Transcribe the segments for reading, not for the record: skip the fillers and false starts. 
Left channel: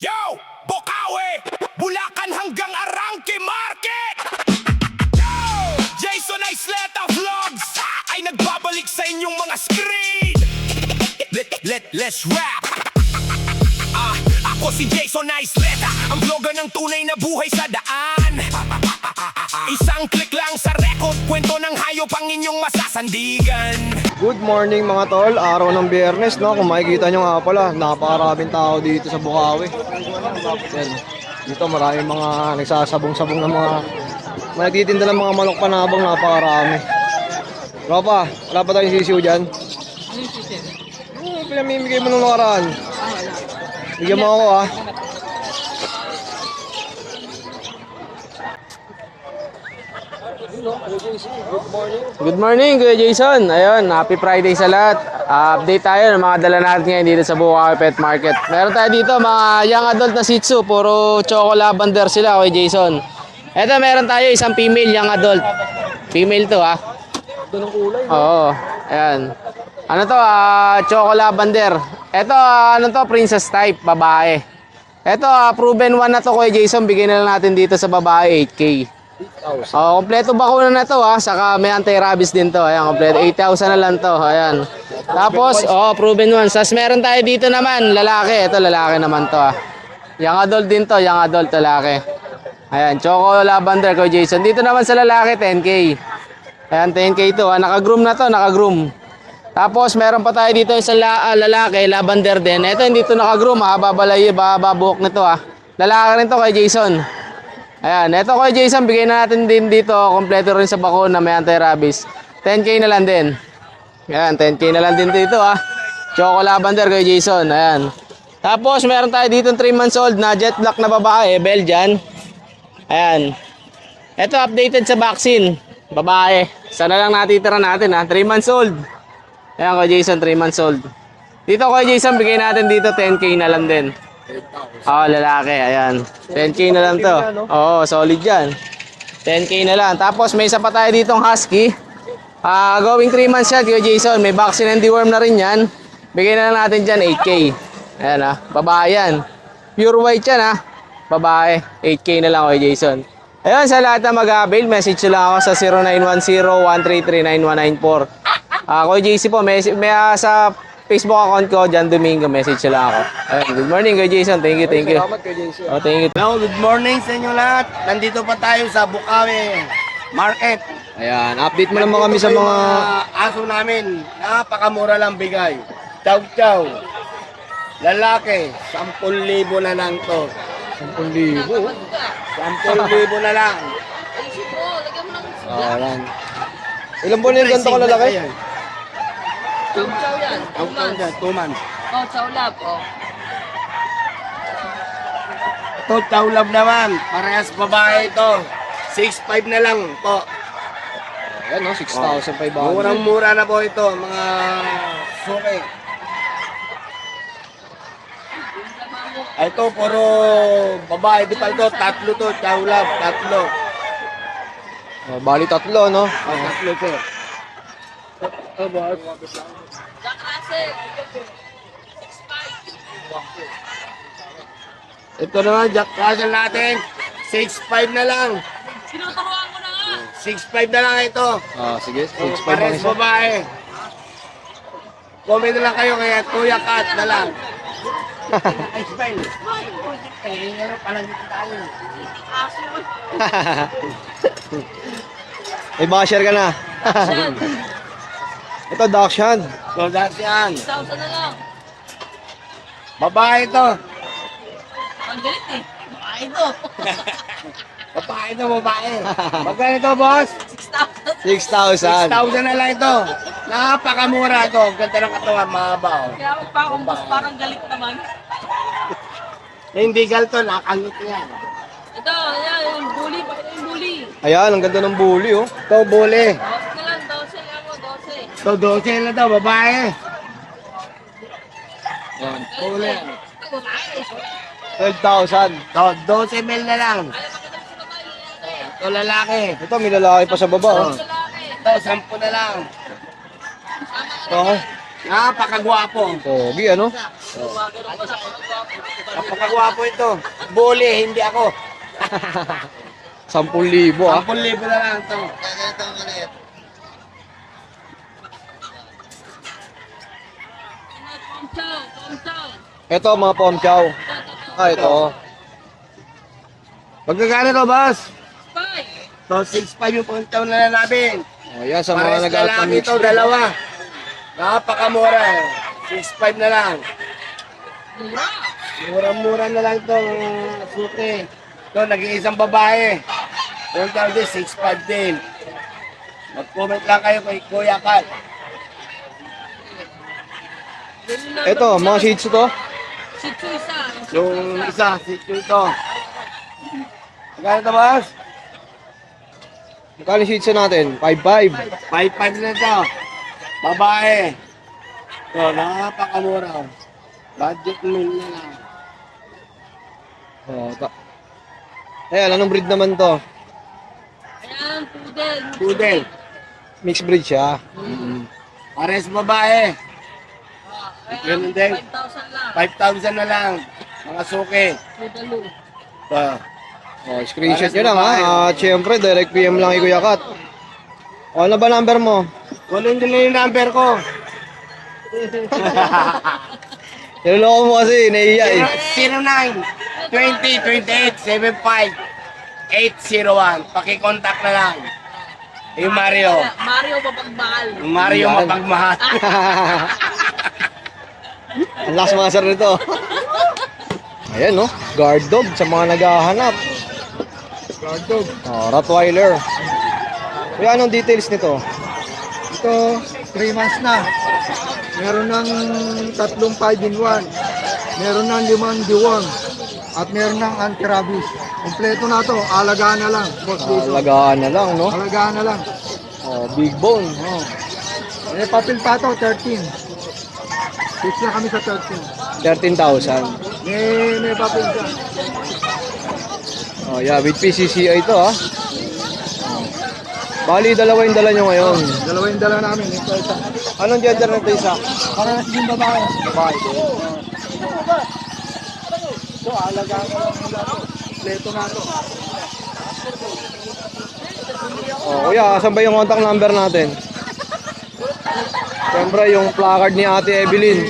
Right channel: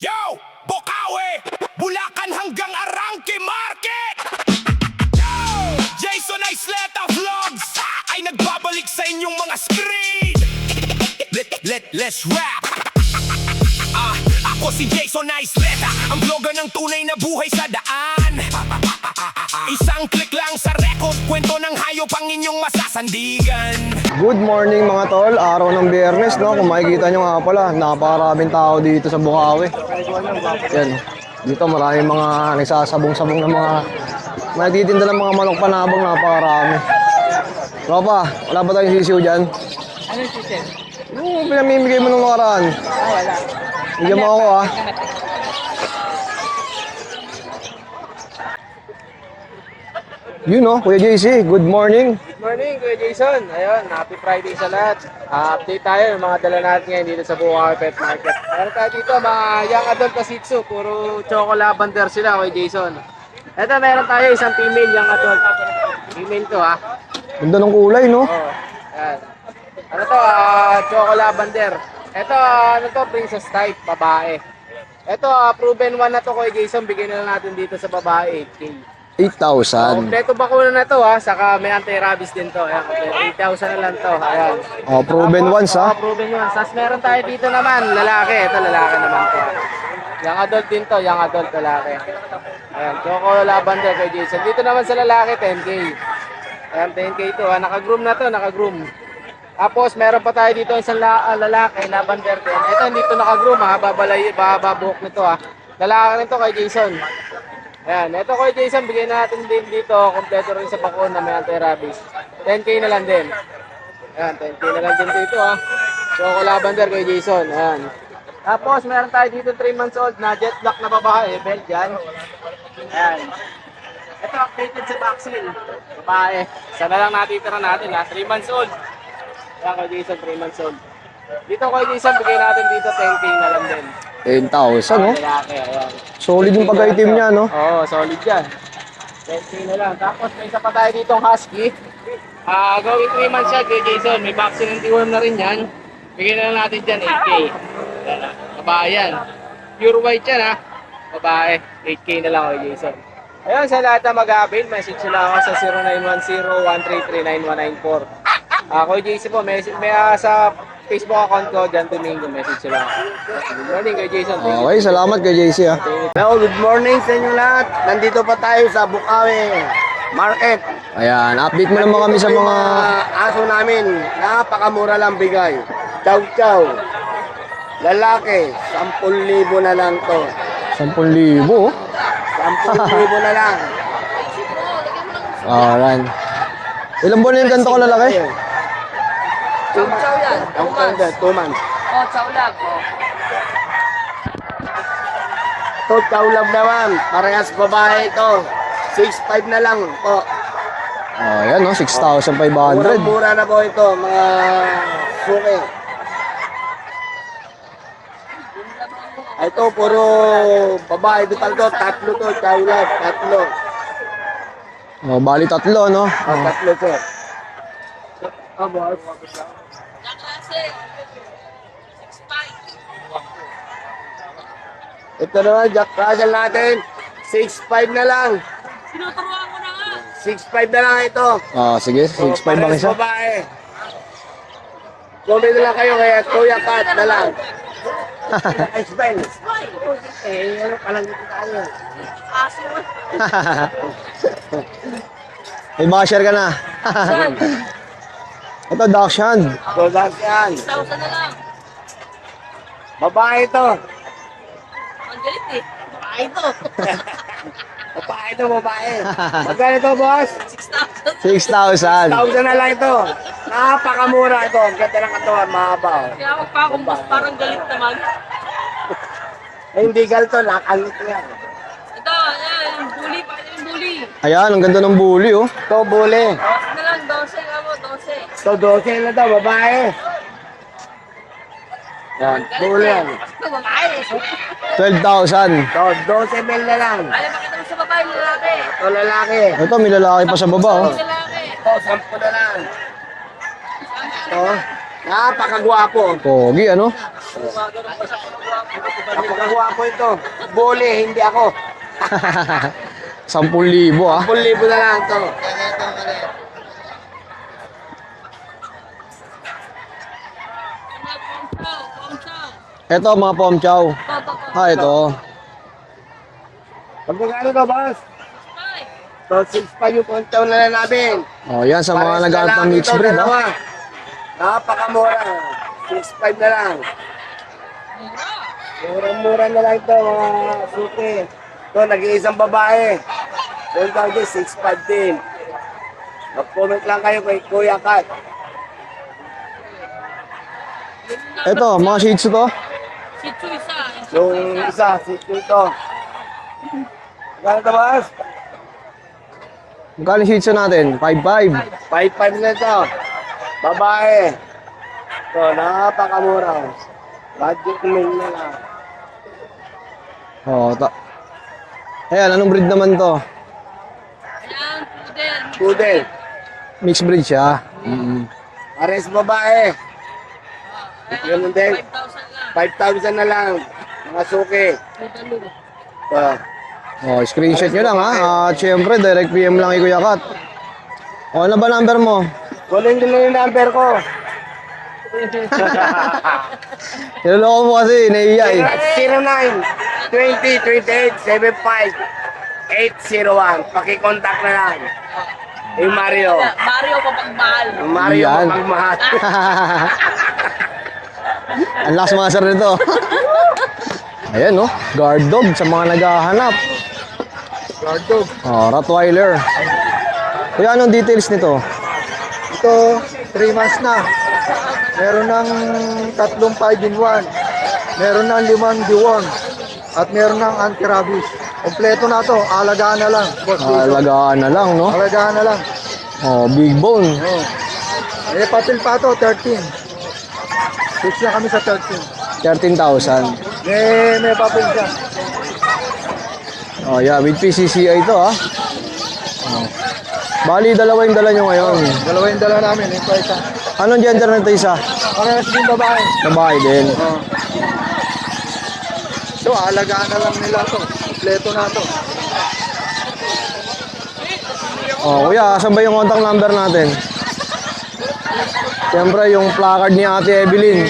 Yo! Bokawe! Bulacan hanggang Arangke Market! Yo! Jason Isleta Vlogs ay nagbabalik sa inyong mga screen! Let's rap! Ako si Jason Isleta, ang vlogger ng tunay na buhay sa daan. Isang click lang sa record, kwento ng hayop ang inyong masasandigan. Good morning mga tol, araw ng Biyernes, no? Kung makikita nyo nga pala, napakaraming tao dito sa Bukawi. Yan, dito maraming mga nagsasabong-sabong ng mga nagtitinda ng mga manok panabang, napakarami. Tropa, wala ba tayong sisiw dyan? Ano ito, sir? Oo, pinamimigay mo nung nakaraan. Wala. Bigyan mo ako, ha? Yun, no? Kuya JC, good morning. Good morning, Kuya Jason. Ayun, happy Friday sa lahat. Update tayo ng mga dala natin ngayon dito sa Bukawi Pet Market. Meron tayo dito mga young adult na Shih Tzu. Puro choco lavender sila, Kuya Jason. Eto, meron tayo isang female young adult. Female to, ha? Ganda ng kulay, no? Oo, ayan. Ano to, choco lavender. Eto, ano to, princess type, babae. Eto, proven one na to, Kuya Jason. Bigyan na lang natin dito sa babae, 8K. 8,000. Kompleto bakuna na to, saka may anti-rabies din to. Ayan, kompleto 8,000 na lang to. Ayan. Oh, proven Tapos, ones, ha? proven ones. Tapos meron tayo dito naman, lalaki. Ito lalaki naman to. Young adult din to, young adult lalaki. Ayan, choco lavender ko Jason. Dito naman sa lalaki 10K. Ayan, 10K to. Naka-groom na to, naka-groom. Tapos meron pa tayo dito isang lalaki, lavender din. Ito hindi to naka-groom, babalay, babuhok na to. Lalaki rin to kay Jason. Ayan, eto kay Jason, bigay na natin din dito, kompleto rin sa bakuna, may anti-rabies. 10K na lang din. Ayan, 10K na lang din dito, Choco lavender kay Jason, ayan. Tapos, meron tayo dito 3 months old na jet black na babae, Belgian. Ayan. Eto, updated sa vaccine, babae. Sana lang natitira natin, 3 months old. Ayan kay Jason, 3 months old. Dito kay Jason, bigay natin dito 10K na lang din. 10,000, no? Lalaki, ayan. Solid 10K yung na lang pagka-itim to. niya, no? Oo, solid yan. 10K na lang. Tapos may isa pa tayo ditong husky. Going 3 months yan, Kuya Jason. May vaccine and deworm na rin yan. Bigyan na lang natin dyan, 8K. Ayan, babae yan. Pure white yan, babae. 8K na lang, Kuya Jason. Ayan, sa lahat na mag-avail, message nyo lang ako sa 0910-133-9194. Kuya JC po, may sa Facebook account ko, Jan Domingo, message nyo lang ako. Ayan, good morning, Kuya Jason. Thank you, Okay, thank you. salamat kay JC, ha? Thank you. Hello, good morning sa inyo lahat. Nandito pa tayo sa Bukawi Market. Ayan, update mo naman kami sa mga... aso namin. Napakamura lang bigay. Chow chow. Lalaki, 10,000 na lang to. 10,000, oh. 10,000 na lang. Alright. Ilang buwan yung ganito ka lalaki? Chow chow yan. 2 months. 2 months. Oh, chow lap. Oh. Ito, chow love naman. Parehas babae ito. 6,500 na lang po. Ayan, no? 6,500. Murang-mura na po ito, mga suki. Ito, puro babae. Ito pa ito, tatlo to, chow love, tatlo. Oh, bali tatlo, no? Tatlo to. Oh, boss. Jack Russell. 6'5". Ito naman, Jack Russell natin. 6,500 na lang. Sinuturuan ko na nga. 6,500 na lang ito. Sige, 6,500 mo Pares isa. babae. Comment na lang kayo kaya Kuya Kat na lang. Smile. Eh, alam dito tayo. Aso. May share ka na. Saan? Ito, Dakshan. So, that's yan. 1,000 na lang. Babae ito. Ang galit eh. Babae to. Babae ito, babae. Magkano ito, boss? 6,000. 6,000. 1,000 na lang ito. Napakamura ito. Ganda ng katawan, mahaba. Kaya magpakumbos parang galit naman. Eh, hindi galto, nakangit yan. Ito, yan. Yung bully. Pakita yung bully. Ayan, ang ganda ng bully, oh. Ito, buli. Bawas na lang. 12 nga mo. 12. Ito, 12 na ito, babae. Ayan. Buli. Ito, babae. 12,000. Ito, 12 mil na lang. Alam, pakita mo sa babae, lalaki. Ito, lalaki. Ito, may lalaki pa sa baba, oh. Lalaki. Ito, 10 na lang. Ito, napakagwapo. Pogi, ano? Napakagwapo ito. Bole, hindi ako. 10,000 ah. 10,000 na lang ito. Ito mga pom chow. Ito. Pagkakano to, boss? So, 6,500 yung puntaw na lang namin. Oh, yan sa mga Pares na nag-aalp lang ng mixed ito, breed. dalawa. Napakamura. 6,500 na lang. Mura-mura na lang ito, mga suti. Ito, nag-iisang babae. Doon ka nag 6,500 din. Mag-comment lang kayo kay Kuya Kat. Ito, mga shih tzu to. Yung isa, si ito. Magkano ito, boss? Magkano shih tzu natin? 5,500. 5,500 na ito. Babae. Ito, napakamura. Budget meal na lang. Oh, ayan, anong breed naman to? Ayan, pudel. Pudel. Mixed breed siya. Pares babae. Ganun din. 5,000 lang. 5,000 na lang. Mga suki. Pudalo. Ba. Oh, screenshot nyo lang ha. At syempre, direct PM lang kay Kuya Kat. Oh, ano ba number mo? Kunin nila yung number ko. Niloloko mo kasi, naiiya eh. 09 20 28 75 801. Pakicontact na lang. Hey Mario. Mario Papagmahal. Mario Yan. mapagmahal. Ang lakas masar nito. Ayan no, guard dog sa mga naghahanap. Guard dog. Oh, Rottweiler. Kuya, anong details nito? Ito, 3 months na. Meron ng 3 5-in-1. Meron ng 5 deworm. At meron ng anti-rabies. Kompleto na to. Alagaan na lang. Boss Jason. Alagaan na lang, no? Alagaan na lang. Oh, big bone. Oh. Eh, papel pa to, 13. Fix na kami sa 13. 13,000. May papel siya. Oh, yeah, with PCCI ito, ah. Oh. Bali, dalawa yung dala nyo ngayon. Dalawa yung dala namin. Ito, isa. Anong gender nito isa? Para sa yung babae. Babae din. So, alagaan na lang nila to. Kompleto na to. Oh, kuya, asan ba yung contact number natin? Siyempre, yung placard ni Ate Evelyn.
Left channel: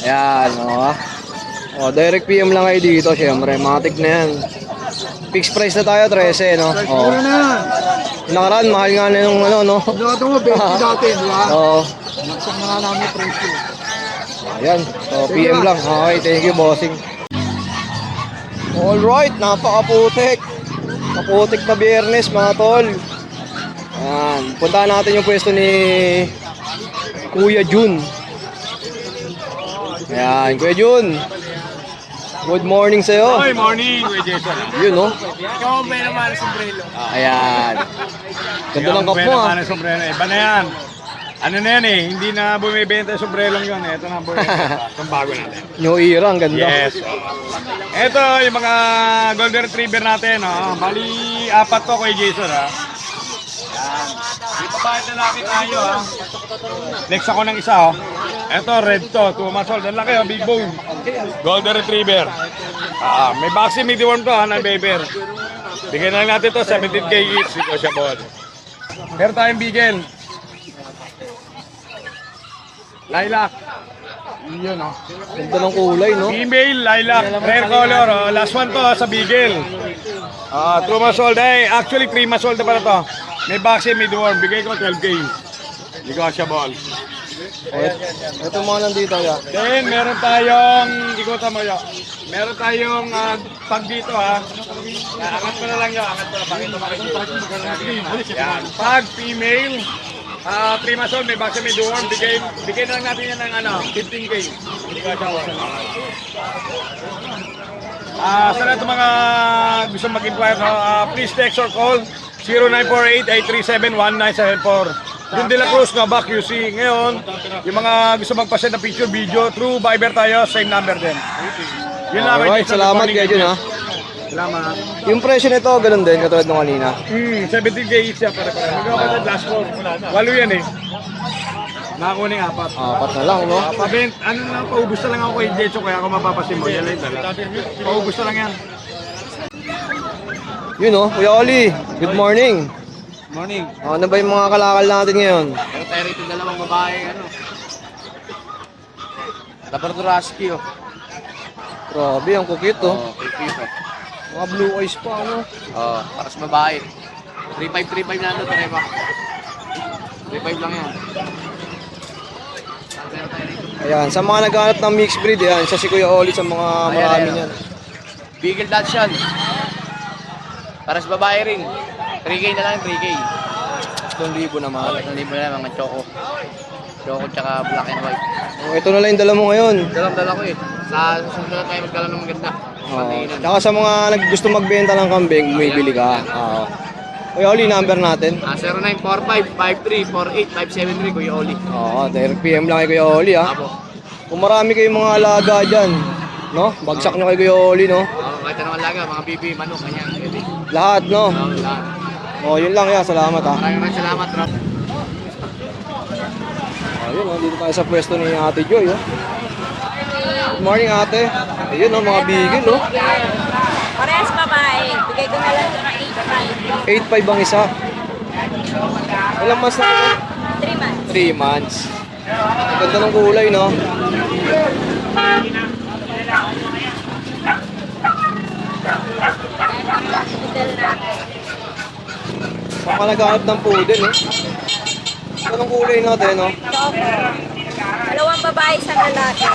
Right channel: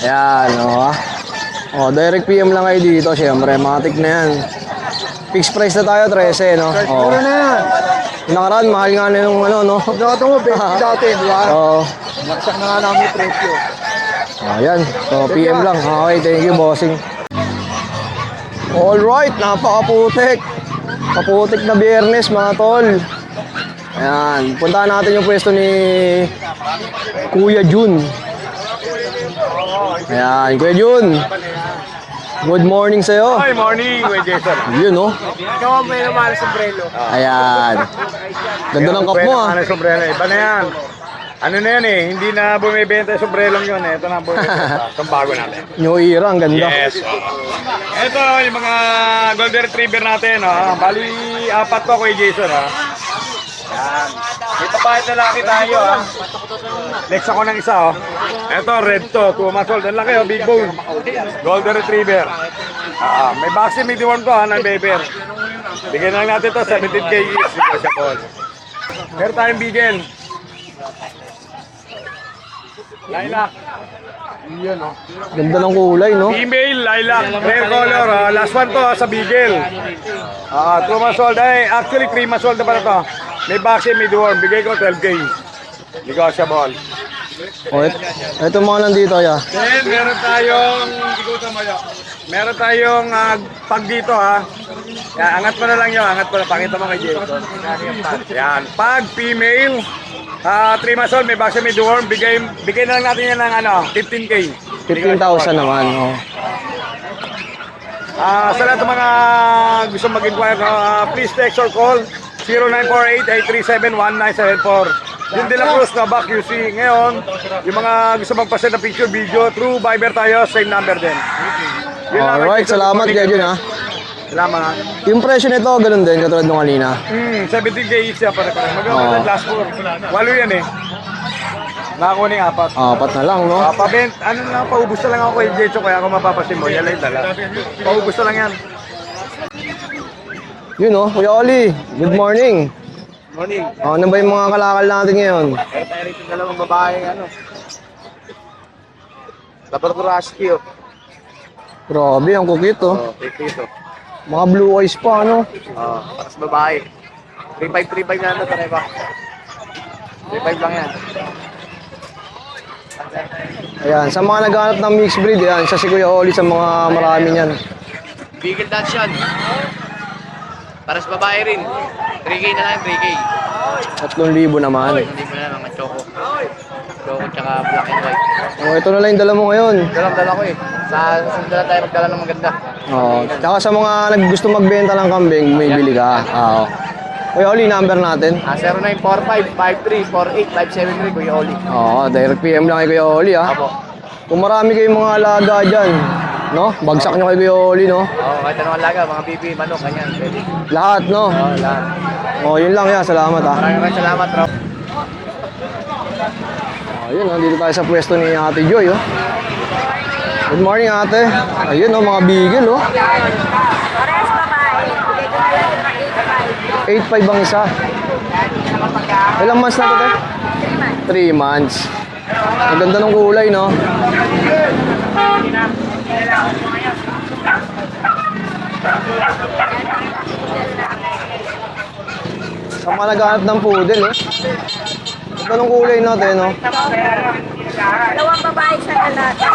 Ayan, oh. Oh, direct PM lang kayo dito, siyempre. Matik na yan. Fixed price na tayo, 13, no? Oh. Mura na yan. Nakaraan, mahal nga na yung ano, no? Nakatungo, 20 dati. Di ba? Oo. Naksak na nga namin yung presyo. Ayan. So, PM lang. Okay, thank you, bossing. Alright, napakaputik. Kaputik na biyernes, mga tol. Ayan, puntahan natin yung pwesto ni Kuya Jun. Ayan, Kuya Jun. Good morning sa'yo. Hi, morning, Kuya Jason. Yun, no? Ikaw ang may naman sa sombrero. Ayan. Ganda ng cup mo, ah. Ano sombrero? Iba na yan. Ano na yan eh, hindi na bumibenta yung sombrerong yun. Ito na ang bumibenta. Itong bago natin. New era, ang ganda. Yes. Ito yung mga golden retriever natin. Bali, 4 to, Kuya Jason. Yan. May papayat na laki tayo. Next ako ng isa. Ito, red to. 2 months old. Ang laki, big bone. Golden retriever. May vaccine, may deworm to, non-baby. Bigyan lang natin to, 17K each. Di pa siya ball. Meron tayong bigel. Lilac. Ganda ng kulay, no? Female, lilac, rare color. Last one to sa bigel. 2 months old. Actually 3 months old na pala to. May vaccine, may deworm. Bigay ko 12K. Negotiable. Oh, ito mga nandito, ya. Then, meron tayong, ikutan mo yun. Meron tayong pag dito ha. Angat mo na lang yun, angat mo na. Pakita mo kay Jim. Yan, pag female, 3 months old, may vaccine, may deworm. Bigay na lang natin yan ng 15K. 15,000 naman, oh. Sa lahat ng mga gusto mag-inquire, please text or call 0948-837-1974. Yung De La Cruz na back QC. Ngayon, yung mga gusto magpasend na picture, video, through Viber tayo, same number din. Yun lang, Alright, Jason. salamat kayo dun, ha. Salamat. Yung presyo nito, ganun din, katulad nung kanina. 17K each siya pare-pare. Magawa ko last 4. 8 yan eh. Nakakuha na yung 4. Apat na lang, no? Pabeng, ano nga, paubos na lang ako kay Jecho, kaya ako mapapasin mo. Yan lang yung dala. Paubos na lang yan. Yun, oh. Kuya Oli, good morning. Morning. Ano ba yung mga kalakal natin ngayon? Pero tayo rito dalawang babae, ano. Labrador Husky, oh. Grabe, ang kukit, oh. Pipito. Mga blue eyes pa, ano? Tapos babae. 3.5 na ano, tayo ba? 3.5 lang yan. Ayan, sa mga naghanap ng mixed breed, yan. Siya si Kuya Oli sa mga marami yan. Beagle Dutch yan. Para sa babae rin. 3K na lang, 3K. 3,000 naman. Hindi mo na lang, mga choco. Choco tsaka black and white. Oh, ito na lang yung dala mo ngayon. Dala ko eh. Sa susunod na tayo magdala ng maganda. Oh. Tsaka sa mga gusto magbenta ng kambing, bumibili ka. Oo. Kuya Oli, number natin. 0945-5348-573, Kuya Oli. Oo, direct PM lang kay Kuya Oli, ah. Apo. Kung marami kayong mga alaga dyan, no? Bagsak nyo kay Kuya Oli, no? Kahit anong alaga, mga bibi, manok, kanyan, pwede. Lahat, no? Lahat. Oh, yun lang yan. Salamat, ah. Maraming salamat, bro. Ayun, dito tayo sa pwesto ni Ate Joy, oh. Good morning, ate. Ayun, oh, mga bigil, no? Parehas babae. 8.5 ang isa. Ilang months na ito? 3 months. 3 months. Ang ganda ng kulay, no? Saan ka naghanap ng poodle, no? Anong kulay natin, no? Dalawang babae sa lalaki.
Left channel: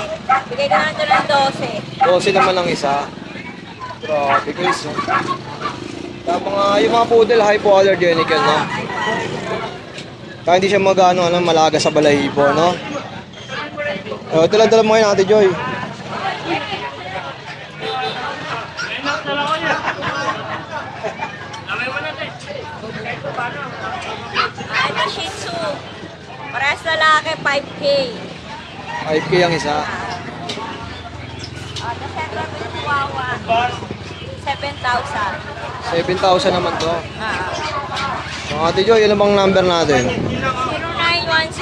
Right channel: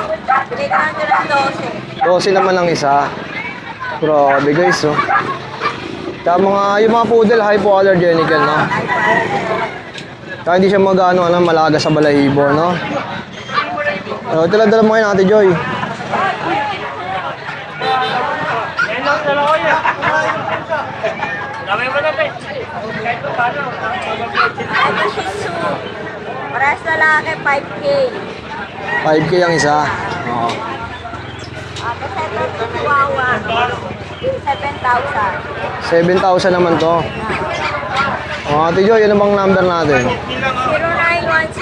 Bigay ko na ng 12. 12 naman ang isa. Grabe, guys, oh. Kaya yung mga poodle, hypoallergenic yan, no? Kaya hindi siya mag-ano, malaga sa balahibo, no? Ito lang dala mo kayo, Ate Joy. Ano, Shih Tzu. Parehas lalaki, 5K. 5K ang isa. Oo. Kawawa. 7,000. 7,000 naman to. Oh, Ate Joy, ano bang number natin?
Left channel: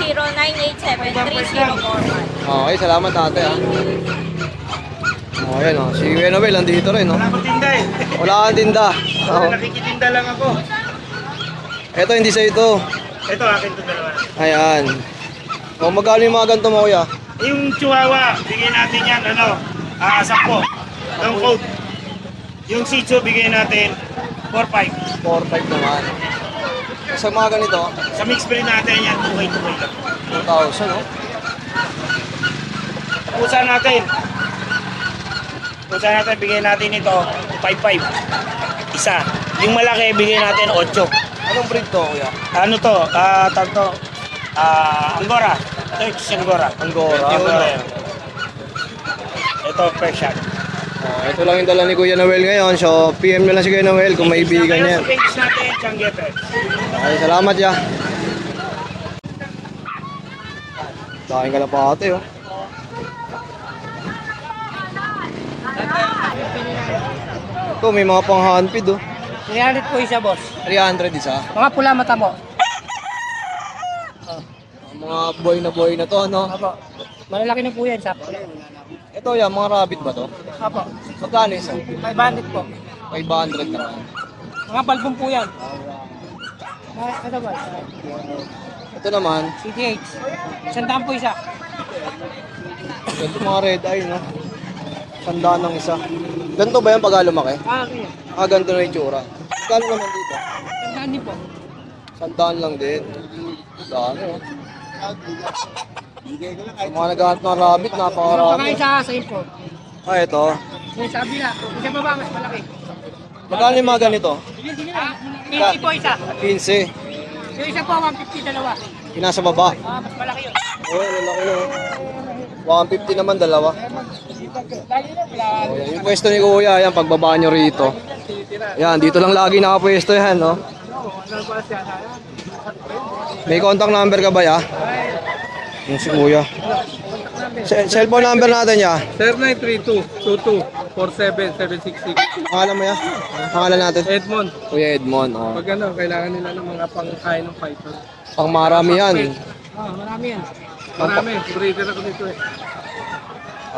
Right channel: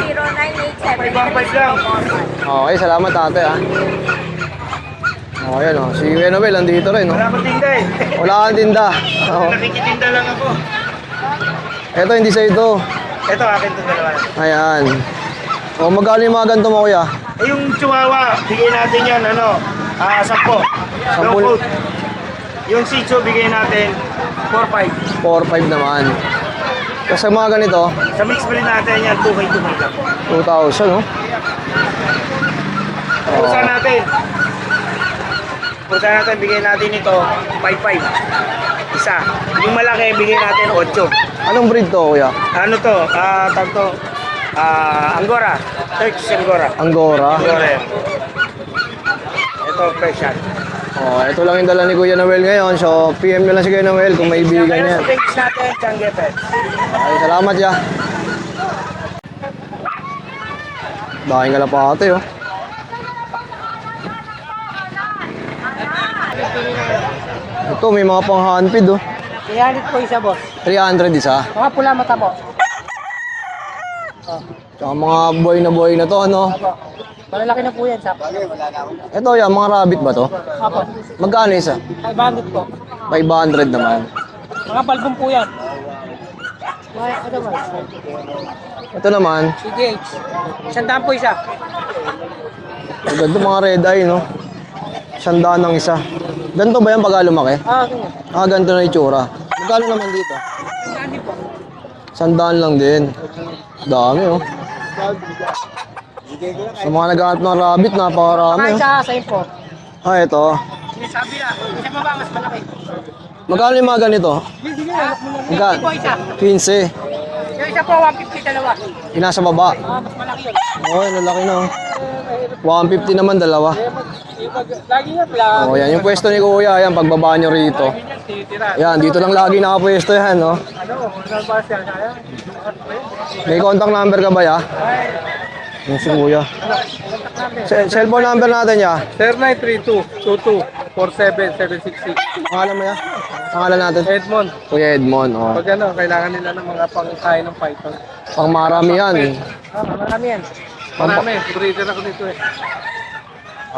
0910-987-304. Okay, salamat ate, ha. Oh, yan, oh. Si Kuya Noel, nandito rin, no? Wala ko tinda eh. Wala kang tinda. Oh. Nakikitinda lang ako. Ito, hindi sa ito. Ito, akin ito dalawa. Ayan. Oh, magkano yung mga ganito mo, kuya? Yung chihuahua, bigay natin yan, 10. No code. Yung Shih Tzu, bigay natin 4.5. 4,500 naman. Kasi sa mga ganito, Sa mix breed natin yan, 2K lang. 2,000, no? Pulsa natin. Pulsa natin, bigay natin ito 5.5. Isa. Yung malaki, bigay natin 8. Anong breed to, kuya? Ano to? Tagto. Angora. Turkish Angora. Angora. Angora yan. Ito, Persian. Oh, ito lang yung dala ni Kuya Noel ngayon. So, PM nyo lang si Kuya Noel kung may ibigan niya. Thanks natin, Changgete. Okay, salamat ya. Baking kalapate, oh. Ito, may mga pang handpid, oh. 300 po isa, boss. 300 isa. Mga pula mata mo. Tsaka mga buhay na to, ano? Malalaki na po yan, sa. Ito, yan, mga rabbit ba to? Apo. Magkano isa? 500 po. 500 naman. Mga balbon po yan. Mga, ano ba? Ito naman, CDH. 100 po isa. ang ganda mga red eye, no? 100 ang isa. Ganito ba yan pag lumaki? Okay. Ganito na yung itsura. Magkano naman dito? 100 po. 100 lang din. Dami, oh. Sa mga nag-aat ng rabbit, napakarami. Mga Oh. isa sa import. Ah, ito. Yung sabi na, isa pa ba mas malaki? Magkano yung mga ganito? Hindi nga, 50 Magkano? po isa. 15. Yung isa po, 150 dalawa. Yung nasa baba. Mas malaki yun. Oh, lalaki na, oh. 150 naman, dalawa. Lagi nga pala. Oh, yan. Yung pwesto ni Kuya, yan, pagbaba nyo rito. Yan, dito lang lagi nakapwesto yan, no? May contact number ka ba, ya? Yung si Kuya. Cellphone number natin, ya? 0932-22-47766. Pangalan mo, ya? Pangalan natin? Edmond, Kuya Edmond, oh. pag ano, kailangan nila ng mga pangkain ng python. Pang marami yan. Marami yan. Marami, breeder ako dito eh.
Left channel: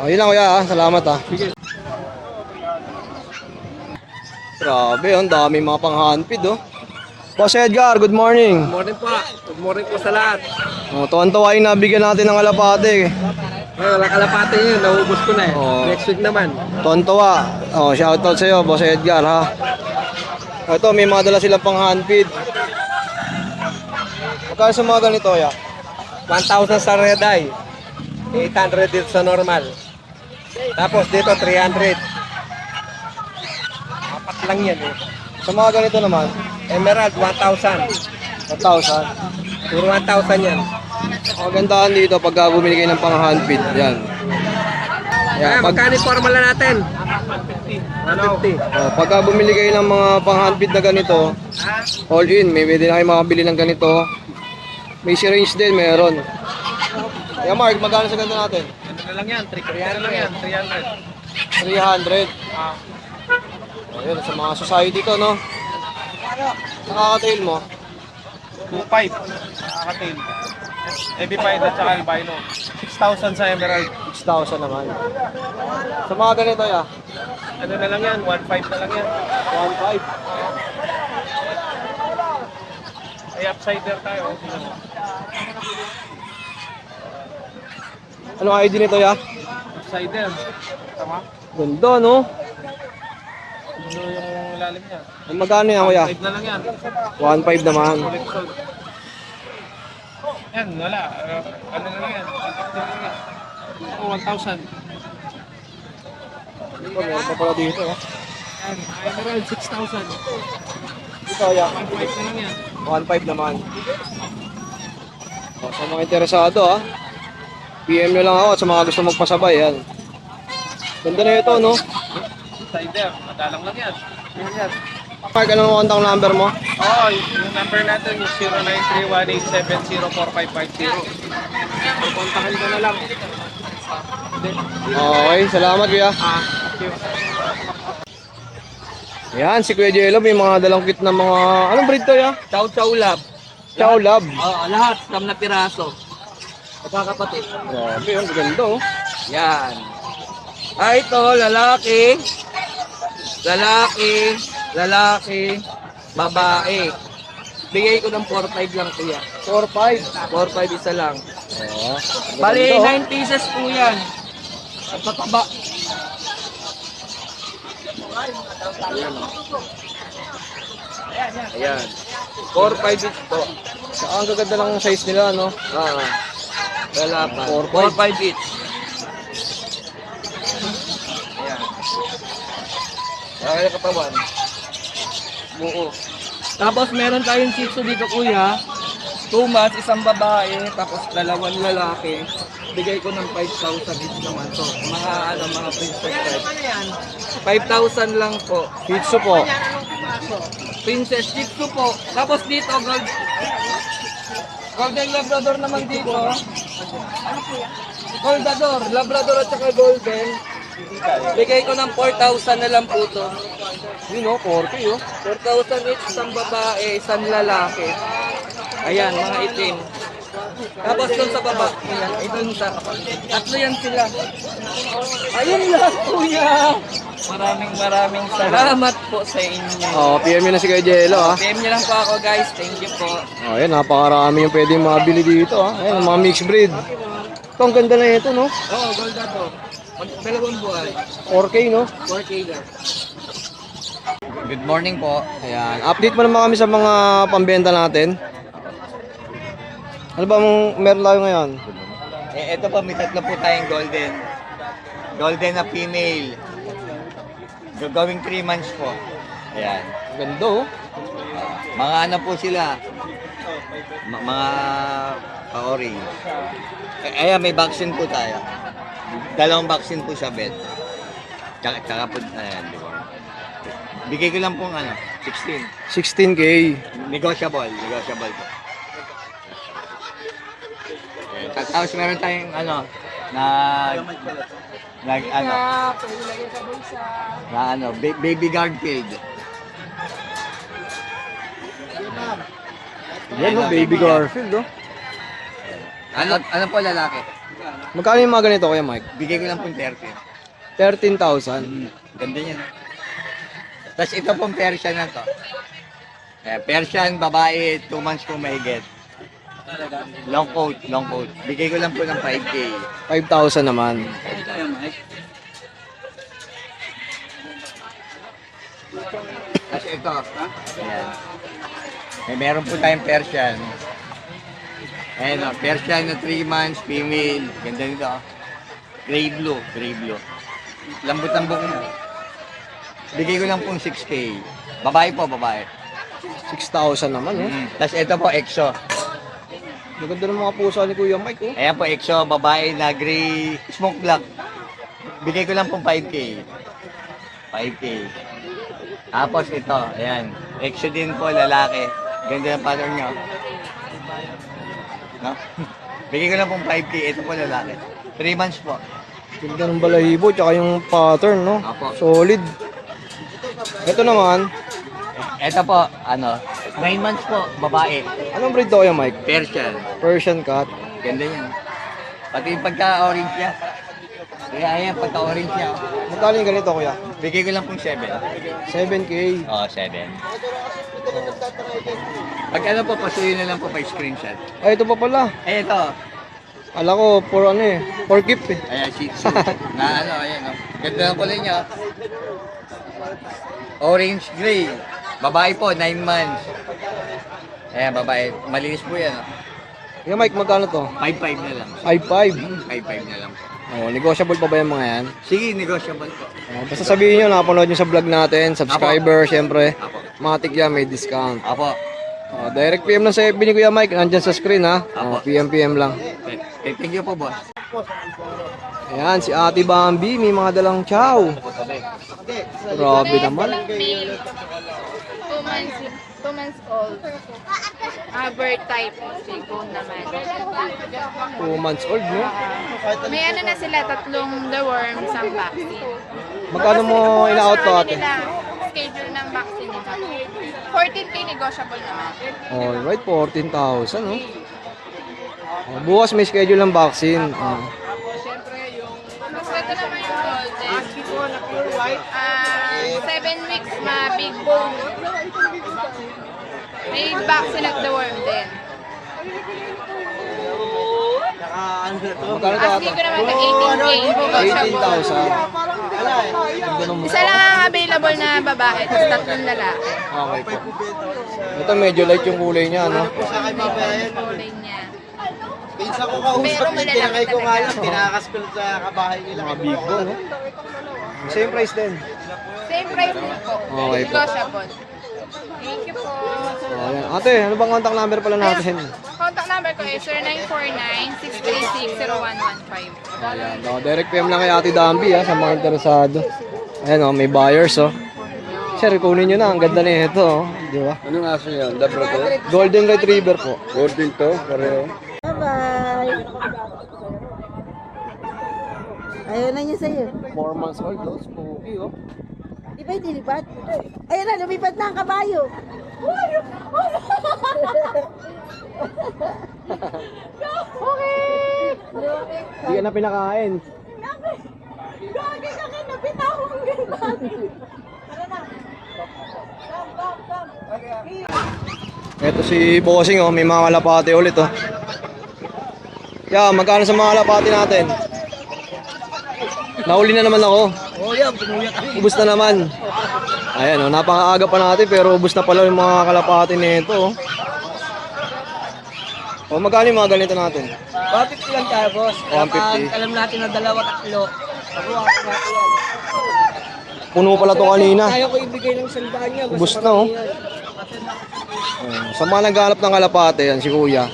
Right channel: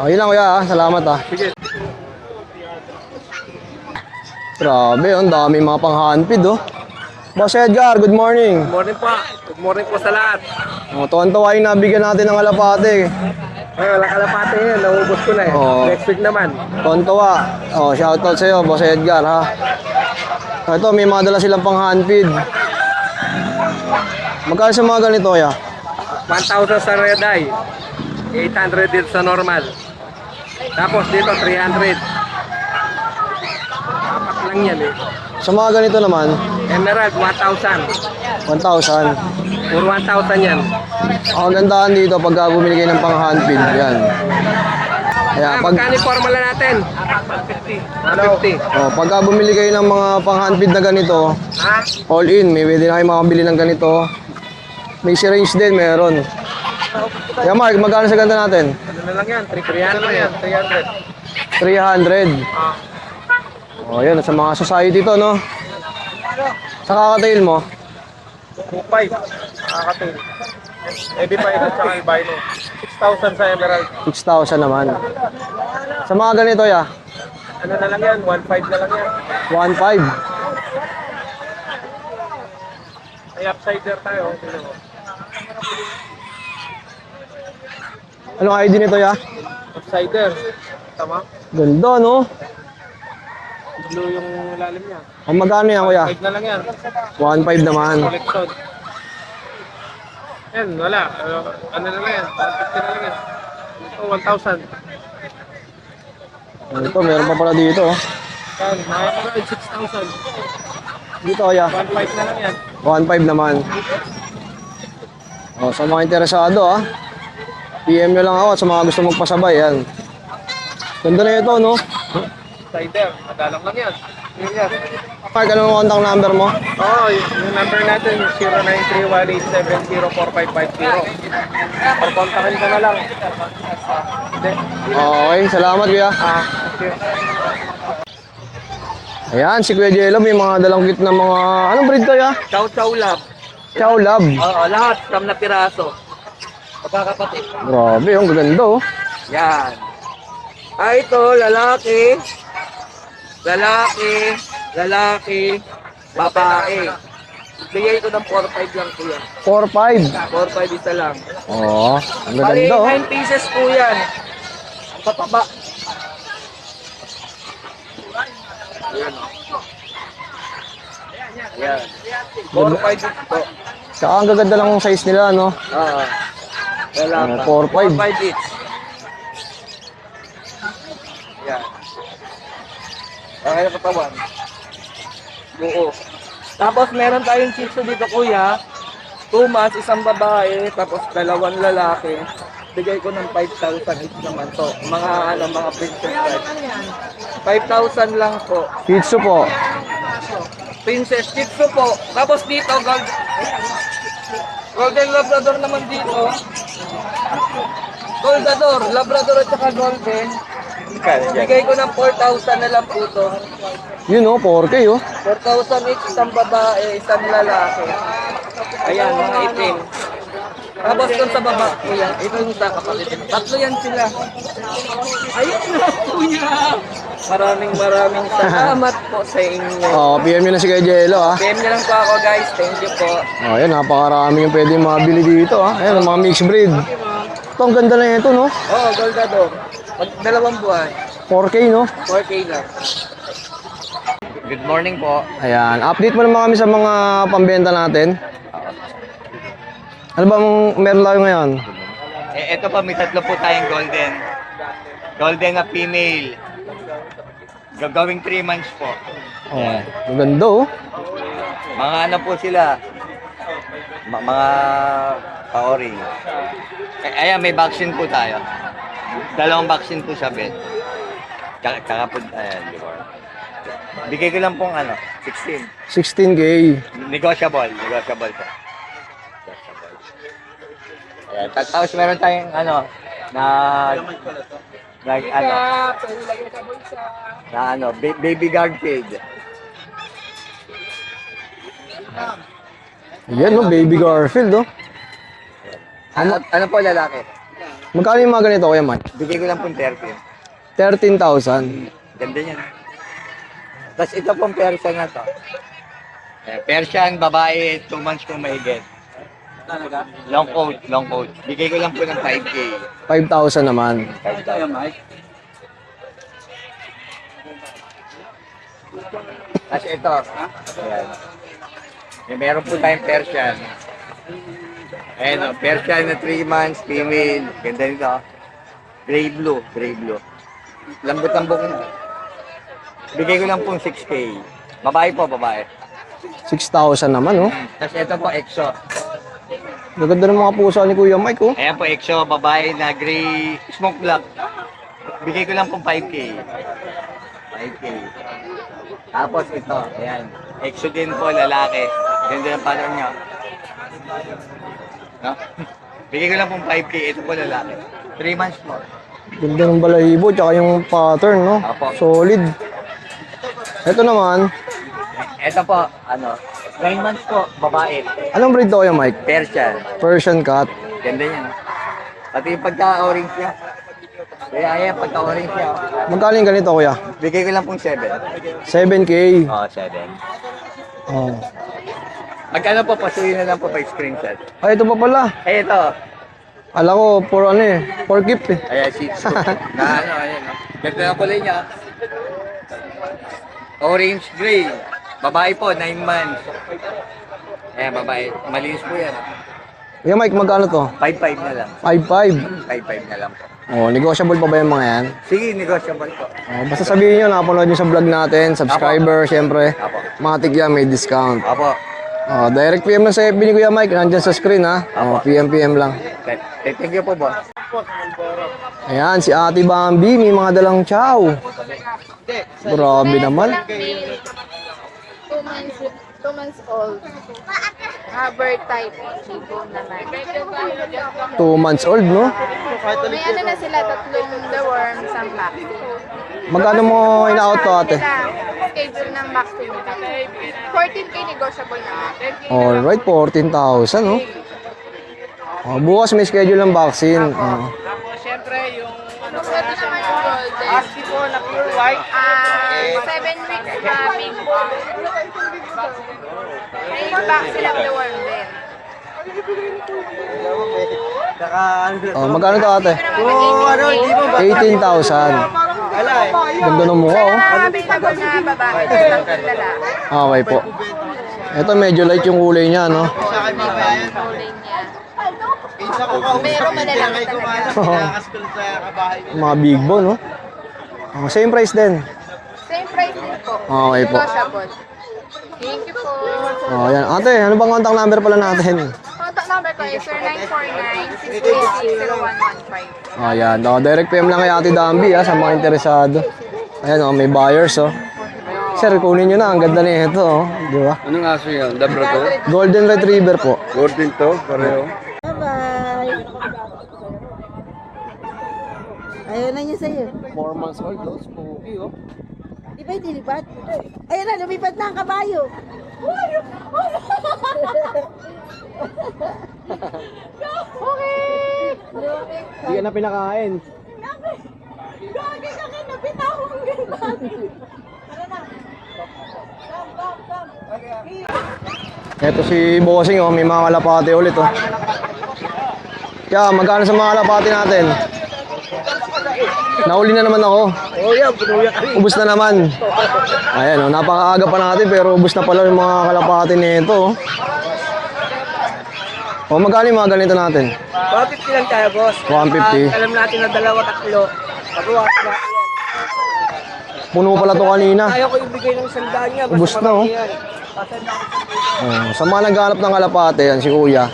Yun lang kuya ah. Salamat ah. Sige. Grabe, ang dami mga pang-handpid oh. Boss Edgar, good morning. Good morning po. Good morning po sa lahat. Tuwan-tuwa yung nabigyan natin ng alapate. Walang kalapate yun, naubos ko na eh. Oo. Next week naman. Tuwan-tuwa. Shoutout sa'yo, Boss Edgar ha. Ito, may mga dala silang pang-handpid. Magkano sa mga ganito kaya? 1,000 sa red eye. 800 dito sa normal. Tapos dito 300. Apat lang yan eh. Sa mga ganito naman, Emerald 1,000. 1,000. Puro 1,000 yan. Ang gandahan dito pagka bumili kayo ng pang-handpid. Yan. Magkano yung formula natin? 150. Pagka bumili kayo ng mga pang-handpid na ganito, all in, may pwede na kayo makabili ng ganito. May syringe din, meron. Yeah, Mark, magkano sa ganda natin? Ano na lang yan? 300 lang yan. 300. Yun, sa mga society to, no? Sa kakatail mo, 2,500. Nakakatil. EB5 at saka albino. 6,000 sa emerald. 6,000 naman. Sa mga ganito, ya, Ano na lang yan? 1,500 na lang yan. 1,500. May upsider tayo. Anong ID nito, ya? Upsider. Tama? Ganda, no? Blue yung lalim niya. Ang magkano yan, kuya? 5 na lang yan. 1,500 naman. Collection. Yan, wala. Ano na lang yan? 150 na lang yan. Oh, 1,000. Ito, meron pa pala dito, oh. Yan, mga emerald 6,000. Dito, kuya. 1,500 na lang yan. 1,500 naman. Sa mga interesado, ah. PM nyo lang ako sa mga gusto magpasabay, yan. Ganda na ito, no? Upsider. Madalang lang yan. Serious. Mark, ano ang contact number mo? Oo, yung number natin 0931870450. Or kontakin ko na lang. Hindi. Okay, salamat, kuya. Thank you. Ayan, si Kuya Jello, may mga dalang kit na mga... Anong breed kaya? Chow lab. Chow Lab. Oo, lahat. Siyam na piraso. Pagkakapatid. Grabe, ang ganda, oh. Yan. Ito, lalaki. Lalaki. Lalaki. Babae. Bigay ko ng 4-5 lang po yan. 4,500. 4-5 isa lang. Oo, ang Bali, ganda, oh. 9 pieces po yan. Ang tataba. Ayan. 4-5 ito. Saka ang gaganda lang yung size nila, no? Wala pa. 4-5. 4-5 each. Ayan. Laki na katawan. Buo. Tapos meron tayong shih tzu dito kuya. 2 months, isang babae, tapos 2 lalaki. Bigay ko ng 5,000 each naman to. Mga princess. 5,000 lang po. Shih Tzu po. Princess shih tzu po. Tapos dito, golden labrador naman dito. Goldador, labrador at saka golden. Bigay ko ng 4,000 na lang po to. Yun, oh, 4K, oh. 4,000 each, isang babae, isang lalaki. Ayan, mga itim. Tapos yung sa baba, kuya, ito yung sa kapatid. Tatlo yan sila. Ayun lang, kuya. Maraming salamat po sa inyo. PM nyo na si Kuya Jello, ah. PM niyo lang po ako, guys. Thank you po. Ayan, napakarami yung pwedeng mabili dito, ah. Ayan, ang mga mixed breed. Ito, ang ganda na ito, no? Oh, Goldador. Dalawang buwan. 4K, no? 4K lang. Good morning po. Ayan, update mo naman kami sa mga pambenta natin. Ano bang meron tayo ngayon? Ito po, may tatlo po tayong golden. Golden na female. Gagawing 3 months po. Ayan. Ang ganda, oh. Mga ano po sila? Mga paori. Ayan, may vaccine po tayo. 2 vaccine po sa vet. Tsaka po, ayan, di ba? Bigay ko lang pong 16. 16K. Negotiable po. Ayan, tapos meron tayong baby Garfield. Yan, no? Baby Garfield, oh. Ano po lalaki? Magkano yung mga ganito, Kuya Mike? Bigay ko lang pong 30. 13,000. Ganda niyan. Tapos ito pong Persian na to. Persian, babae, 2 months po may good. Long coat, long coat. Bigay ko lang po ng 5K. 5,000 naman. Tapos ito, ayan. Meron po tayong Persian. Ayan, Persian na 3 months, female. Ganda nito. Gray blue, gray blue. Lambot ang buhok niya. Bigay ko lang pong 6K. Babae po, babae. 6,000 naman, oh. Tapos ito po, EXO. Maganda ng mga pusa ni Kuya Mike, oh. Ayan po, EXO, babae na gray, smoke black. Bigay ko lang pong 5K. 5K. Tapos ito, ayan. EXO din po, lalaki. Ganda ng pattern niya. No? Bigay ko lang pong 5K. Ito po, lalaki. 3 months po. Ganda ng balahibo, tsaka yung pattern, no? Apo. Solid. Ito naman, Ito po, 9 months po, babae. anong breed to, Kuya Mike? Persian. Persian cat. Ganda yan. Pati yung pagka-orange niya. Kaya ayan, pagka-orange niya. Magkano yung ganito, Kuya? Bigay ko lang pong 7. 7K. Oo, 7. Oh. Pag ano po, pasuyin na lang po pa screenshot. Ay, ito pa pala. Eh, ito. Ala ko, for ano eh, for keep eh. Ayan, Shih Tzu. Na ano, ayan. Ganda na pala niya. Orange gray. Babae po, 9 months. Ayan, babae. Malinis po yan. Kuya Mike, magkano to? 5-5 na lang. 5,500. 5-5 na lang po. Oh, negotiable pa ba yung mga yan? Sige, negotiable po. Oh, basta sabihin nyo, nakapanood nyo sa vlog natin, subscriber, syempre. Apo. Mga tigya may discount. Apo. Oh, direct PM lang sa FB ni Kuya Mike, nandyan sa screen ha. Oh, PM lang. Thank you po, boss. Ayan, si Ate Bambi, may mga dalang chow. Grabe naman. 2 months old. Bird type. naman. 2 months old, no? May ano na sila, 3 the worm, isang vaccine. Magkano mo ina-out to, ate? Schedule ng vaccine nila. 14K negotiable na. Alright, 14,000, no? Oh, bukas may schedule ng vaccine. Oh. Siyempre, yung Ito naman yung golden. ASCII po na pure white. 7 weeks na big worm. May vaccine of the worm din. Oh, magkano to, ate? Ito naman 18,000. Ganda ng mukha, Isa oh. na available na babae, tapos 3 lalaki. Okay po. Ito medyo light yung kulay niya, no? Rolling niya. Pinsa ko kausap din, tinangay ko malas, kinakas ko sa kabahay niya. Mga big bone, no? Oh, same price din. Same price din po. Okay po. Negotiable. Thank you po. Oh, ayan. Ate, ano bang contact number pala natin? Contact number ko is 0949-626-0115. Ayan. Oh, direct PM lang kay Ate Dambi, ha, sa mga interesado. Ayan, oh, may buyers, oh. Sir, kunin nyo na. Ang ganda na ito, oh. Di ba? Anong aso yan? Dabra to? Golden Retriever po. Golden to, pareho. Bye-bye. Ayaw na niya sa'yo. 4 months old, oh. Spooky, oh. Di ba dilipad? Ayun na, lumipad na ang kabayo. Hindi ka na pinakain. Gagi ka kayo, napitawang ganyan. Ito si Bossing, oh. May mga kalapate ulit, oh. Yeah, magkano sa mga kalapate natin? Nauli na naman ako. Oh yan, pinuya kami. Ubus na naman. Ayan, oh, napakaaga pa natin pero ubus na pala yung mga kalapate nito, oh. Oh, magkano yung mga ganito natin? 150 lang tayo, boss. 150. Alam natin na 2-3. Pagawa na. Puno pala to kanina. Kaya ko ibigay ng sandaan niya. Ubus na, oh. Oh, sa mga naghahanap ng kalapate, yan si Kuya.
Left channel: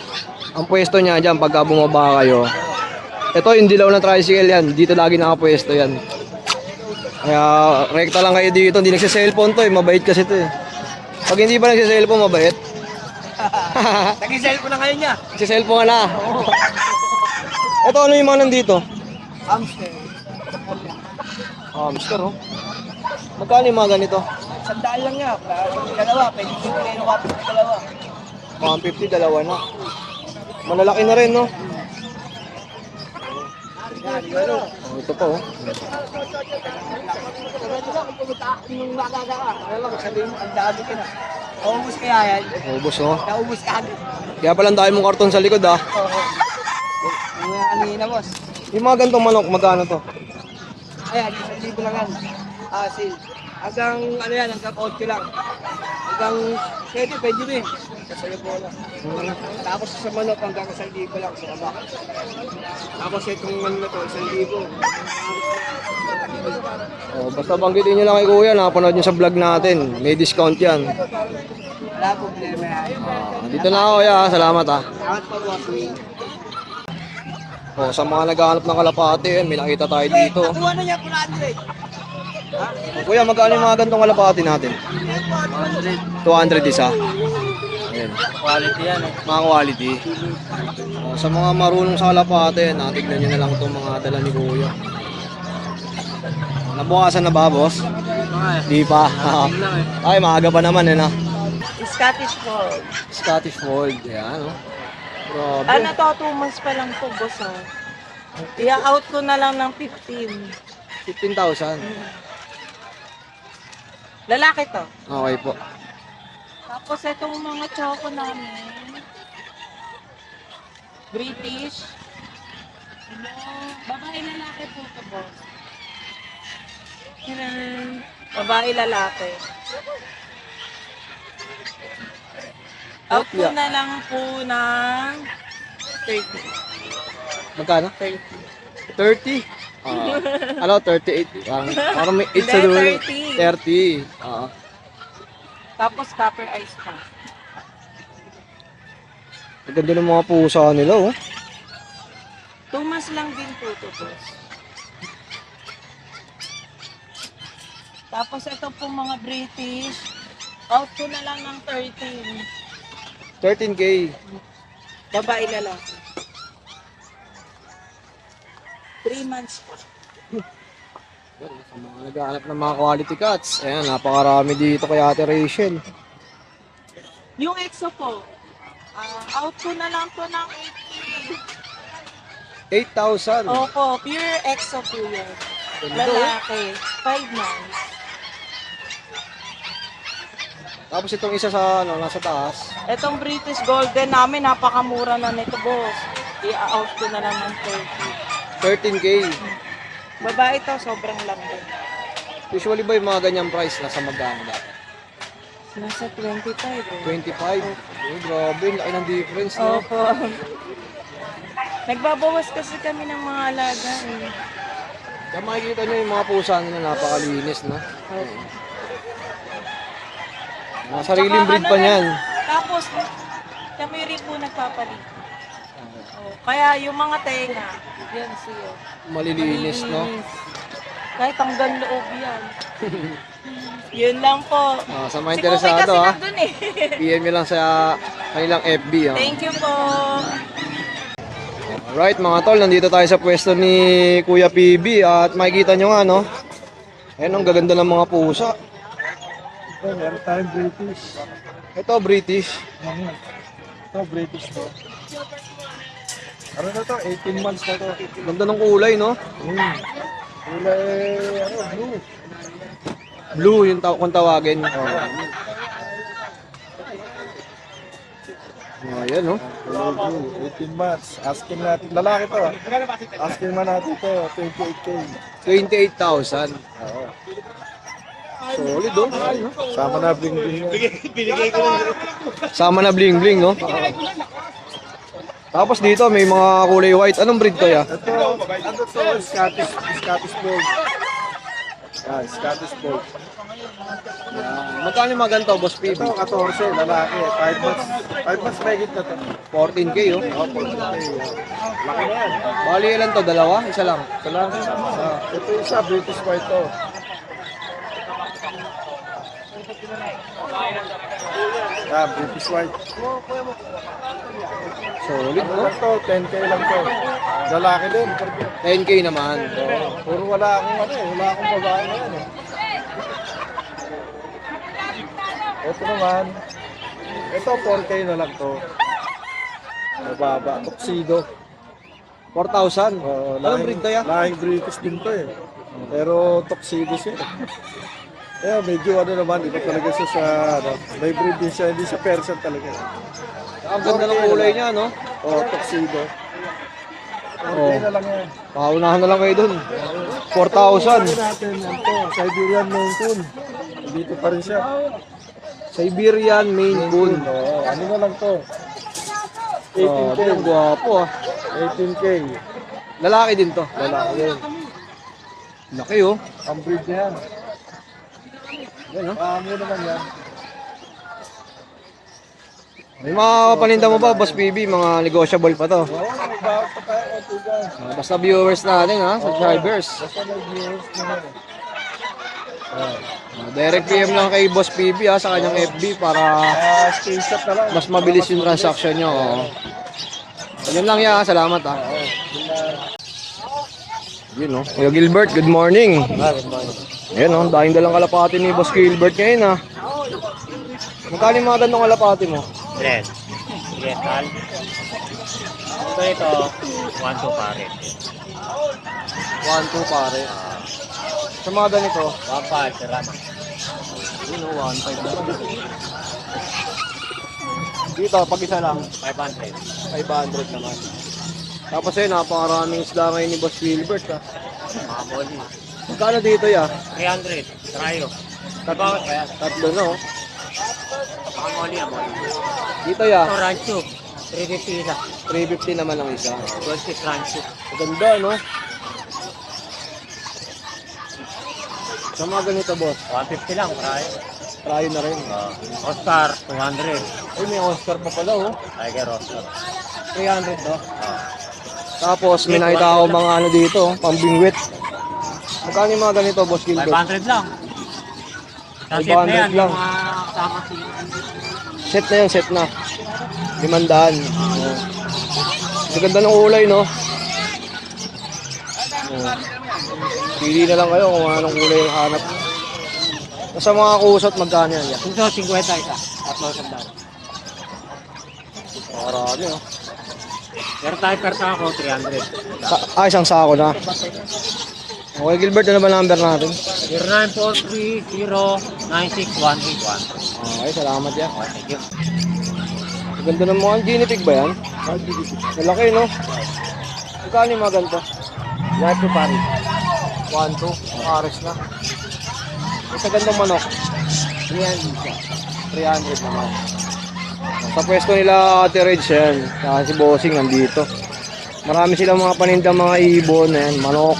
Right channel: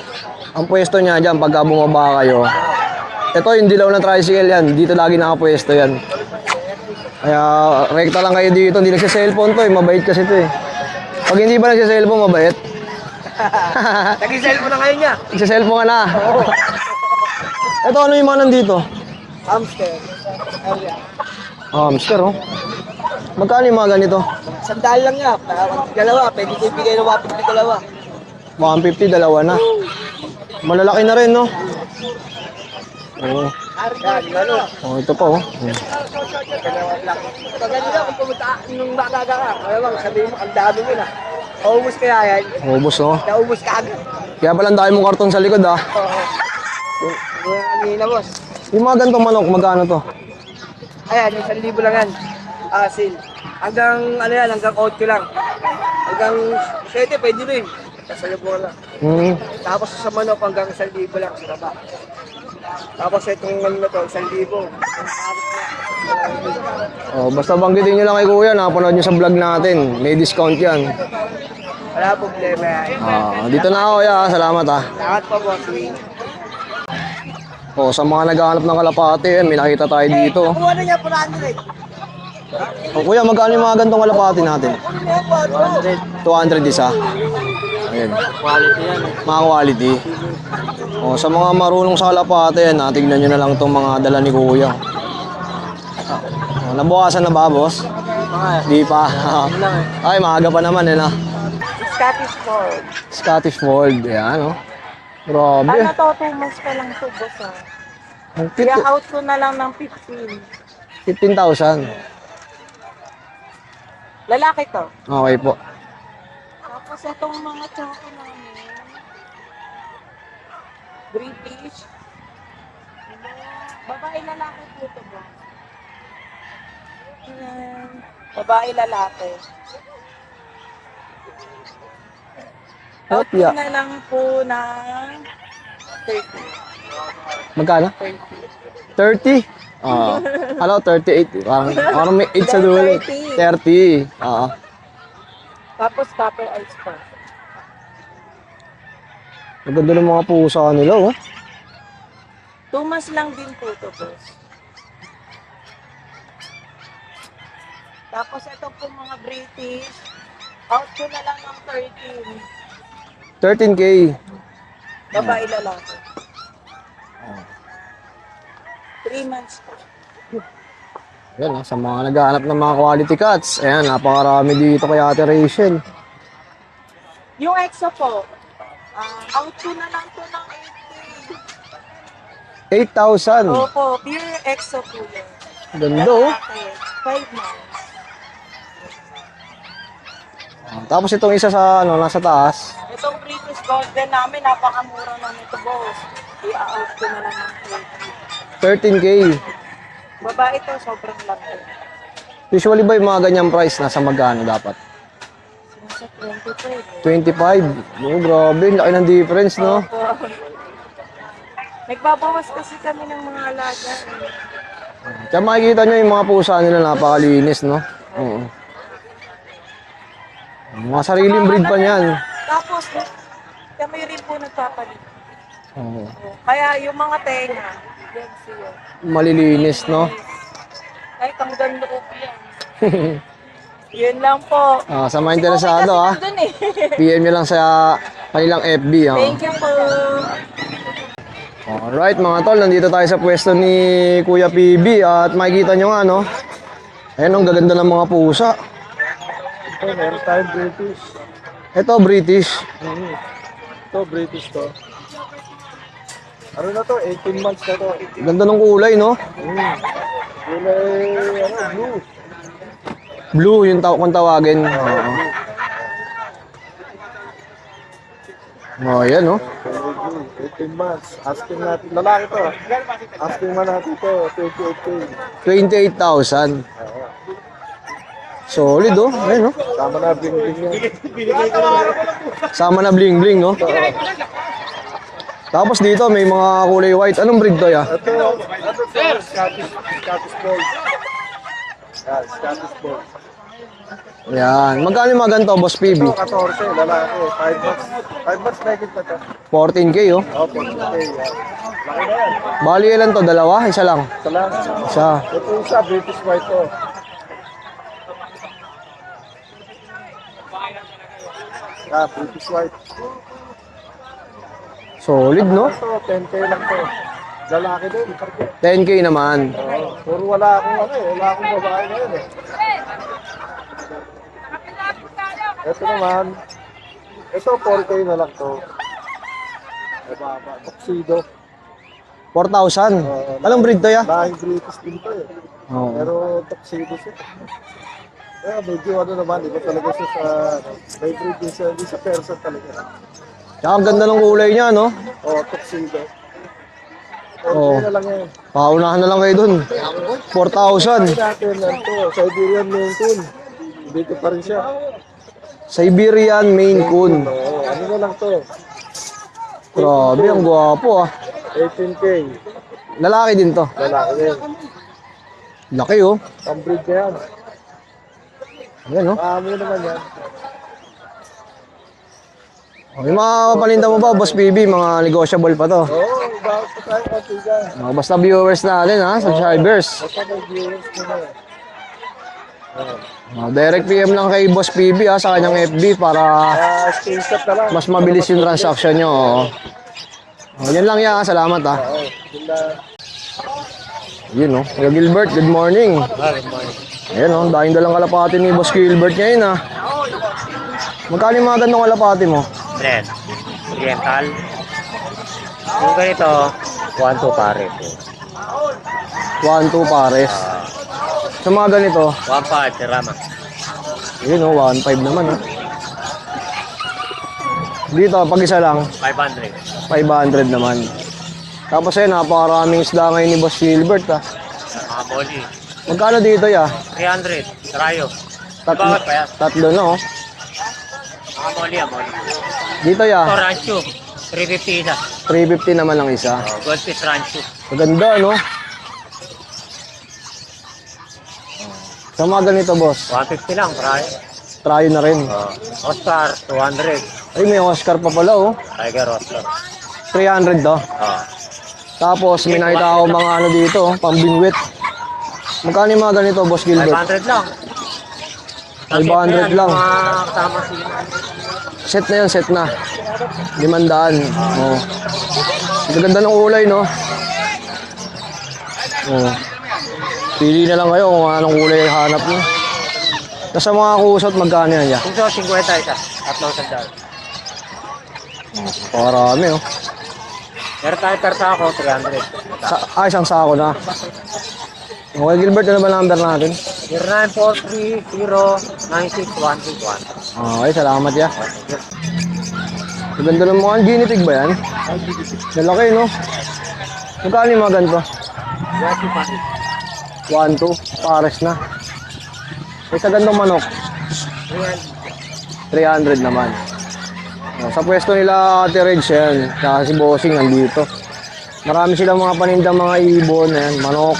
Ang pwesto niya dyan pagka bumaba kayo. Ito yung dilaw ng tricycle yan. Dito lagi nakapwesto yan. Kaya rekta lang kayo dito. Hindi nagsa-cellphone to, eh. Mabait kasi to, eh. Pag hindi ba nagsa-cellphone, mabait? Nag-cellphone na kayo niya. Nagsa-cellphone ka na. Ito, ano yung mga nandito? Hamster. Hamster, oh. Magkano yung mga ganito? Sandaan lang nga. Dalawa. Pwede ko ibigay ng 150 dalawa. 150, dalawa na. Malalaki na rin, no? Oo. Oh, ito po. Oh. Paganda kung pumunta nung makaka ka, kaya lang, sabihin mo, ang dami mo na. Paubos kaya yan. Ubus, oh. Naubos ka agad. Kaya pala ang dami mong karton sa likod, ah. Ang hina, boss. Yung mga ganitong manok, magkano to? Ayan, 1,000 lang yan. Asil. Hanggang, ano yan, hanggang 8 lang. Hanggang 7, pwede rin. Kasayo po lang. Tapos sa manok, hanggang 1,000 lang sa baba. Tapos itong ano na to, 1,000. Oh, basta banggitin nyo lang kay Kuya, nakapanood nyo sa vlog natin. May discount yan. Wala problema yan. Dito na ako, Kuya. Salamat, ah. Lahat pa, boss. Oh, sa mga naghahanap ng kalapate, yan, may nakita tayo dito. Nakuha na niya, 400. Oh, Kuya, magkano yung mga gantong kalapate natin? Ano yan, 400? 200 isa. Ayan. Quality yan. Mga quality. Oh, sa mga marunong sa kalapate, yan, tingnan nyo na lang itong mga dala ni Kuya. Oh, nabukasan na ba, boss? Di pa. Ay, maaga pa naman, eh, na. Scottish Fold. Scottish Fold, yan, oh. Grabe. Ano to, 2 months pa lang to, boss ah. Ang I-out ko na lang ng 15. 15,000. Lalaki to. Okay po. Tapos itong mga choco namin, British. Babae lalaki po to, boss. Babae lalaki. Out ko Yeah. na lang po ng 30. Magkano? 30. 30? Ah, ano, 38. Parang may 8 sa Then dulo. 30. 30. Ah. Tapos copper ice po. Ang ganda ng mga pusa nila, oh. 2 months lang din po ito, boss. Tapos ito po mga British, out ko na lang ng 13. 13K. Babae lalaki. 3 months po. Yan, sa mga naghahanap ng mga quality cats. Ayan, napakarami dito kay Ate Rachel. Yung EXO po, out ko na lang po ng 8,000. 18. Opo, pure EXO po yan. Ganda, oh. Lalaki, 5 months. Tapos itong isa sa, ano, nasa taas. Itong British Golden namin, napakamura na nito, boss. I-out ko na lang ng 30. 13K. Babae to, sobrang laki. Usually ba yung mga ganyang price, nasa magkano dapat? Nasa 25 eh. 25. Oh, grabe, laki ng difference, no? Opo. Nagbabawas kasi kami ng mga alaga. Kaya makikita nyo yung mga pusa nila, napakalinis, no? Oo. Mga sariling breed pa niyan. Tapos, kami rin po nagpapalit. Oo. Kaya yung mga tenga, yan siya. Malilinis, no? Kahit hanggang loob yan. Yun lang po. Sa mga Si Kuya interesado, kasi ha? nandun eh. PM nyo lang sa kanilang FB, ha? Thank you po. Alright, mga tol, nandito tayo sa pwesto ni Kuya PB at makikita nyo nga, no? Ayun, ang gaganda ng mga pusa. Meron tayong British. Ito, British. Ito, British to. Ano na to? 18 months na to. Ganda ng kulay, no? Kulay, blue. Blue yung kung tawagin. Oh, yan, no? 18 months. Asking natin. Lalaki to. Asking man natin to. 28K. 28,000. Solid, oh. Ayun, no? Sama na bling-bling yun. Sama na bling-bling, no? Tapos dito, may mga kulay white. Anong breed to, ya? Ito, ano to? Scottish Fold. Scottish Fold. Yan. Magkano yung mga ganito, Boss PB? Ito, 14, lalaki. 5 months. 5 months na higit na to. 14K, oh. Opo, lalaki. Laki na yan. Bali, ilan to? Dalawa? Isa lang? Lalaki na. Isa. Ito isa, British White to. British White. Solid, no? Ito, 10K lang to. Lalaki din. 10K naman. Puro wala akong ano eh. Wala akong babae na yun eh. Ito naman. Ito, 4K na lang to. Mababa. Tuxedo. 4,000. Anong breed to ya? Lahing British din pa eh. Oo. Pero tuxedo siya. Kaya medyo ano naman, ito talaga siya sa, ano, may breed din siya, hindi siya Persian talaga. Tsaka ang ganda ng kulay niya, no? O, tuxedo. Oo. Na lang yan. Paunahan na lang kayo dun. 4,000. Natin lang to, Siberian Maine Coon. Dito pa rin siya. Siberian Maine Coon. Oo, ano na lang to? Grabe, ang gwapo ah. 18K. Lalaki din to. Lalaki yan. Laki oh. Ang breed na yan. Yan oh. Amo naman yan. Okay, mga paninda mo ba, Boss PB? Mga negotiable pa to. Oo, bakit pa tayo katigan? Basta viewers natin ha, subscribers. Basta may viewers na yan. Direct PM lang kay Boss PB ha, sa kanyang FB para Screenshot na lang. mas mabilis yung transaction nyo. Oh. Yan lang yan ha, salamat ha. Yun oh, Kuya Gilbert, good morning. Ayan oh, dahil dalang kalapati ni Boss Gilbert ngayon ha. Magkano yung mga ganong kalapati mo? Brand. Oriental. Kung ganito, 1-2 pare. 1-2 pares. Sa mga ganito, 1-5, Terama. yun oh, 1.5 naman oh. Dito, pag isa lang, 500. 500 naman. Tapos ayun, napakaraming isda ngayon ni Boss Gilbert ha. Moli. Magkano dito ya? 300. Karayo. Tatlo, Bawat pa yan. tatlo na oh. Moli. Dito ya, Ito, Rancho. 350 na. 350 naman ang isa. Gold fish Rancho. Maganda no? Sa mga ganito boss, 150 lang, karayo. try na rin. Oscar, 200. Ay, may Oscar pa pala oh. Tiger Oscar. 300 to. Ah. Tapos may nakita ako mga ano dito, oh, pambingwit. Magkano yung mga ganito, Boss Gilbert? 500 lang. Sa set 500 na yan, lang. yung mga kasama sila. Set na yan, set na. 500. Oh. Ang ganda ng kulay, no? Oh. Pili na lang kayo kung anong kulay yung hanap nyo. Tapos sa mga kusot, magkano yan ya? Ito, 50 isa. 3,000 Parami, oh. Meron tayo persa ako, 300. Isang sako na. Okay, Gilbert, ano ba number natin? 0943-096-131. Okay, salamat ya. Maganda ng mga guinea pig ba yan? Lalaki, no? Magkano yung mga ganito? Last to Paris. 1-2, pares na. May sa gandang manok, 300 naman. Sa pwesto nila Ate Reg yan, saka si Bossing nandito. Marami silang mga panindang mga ibon na yan, manok.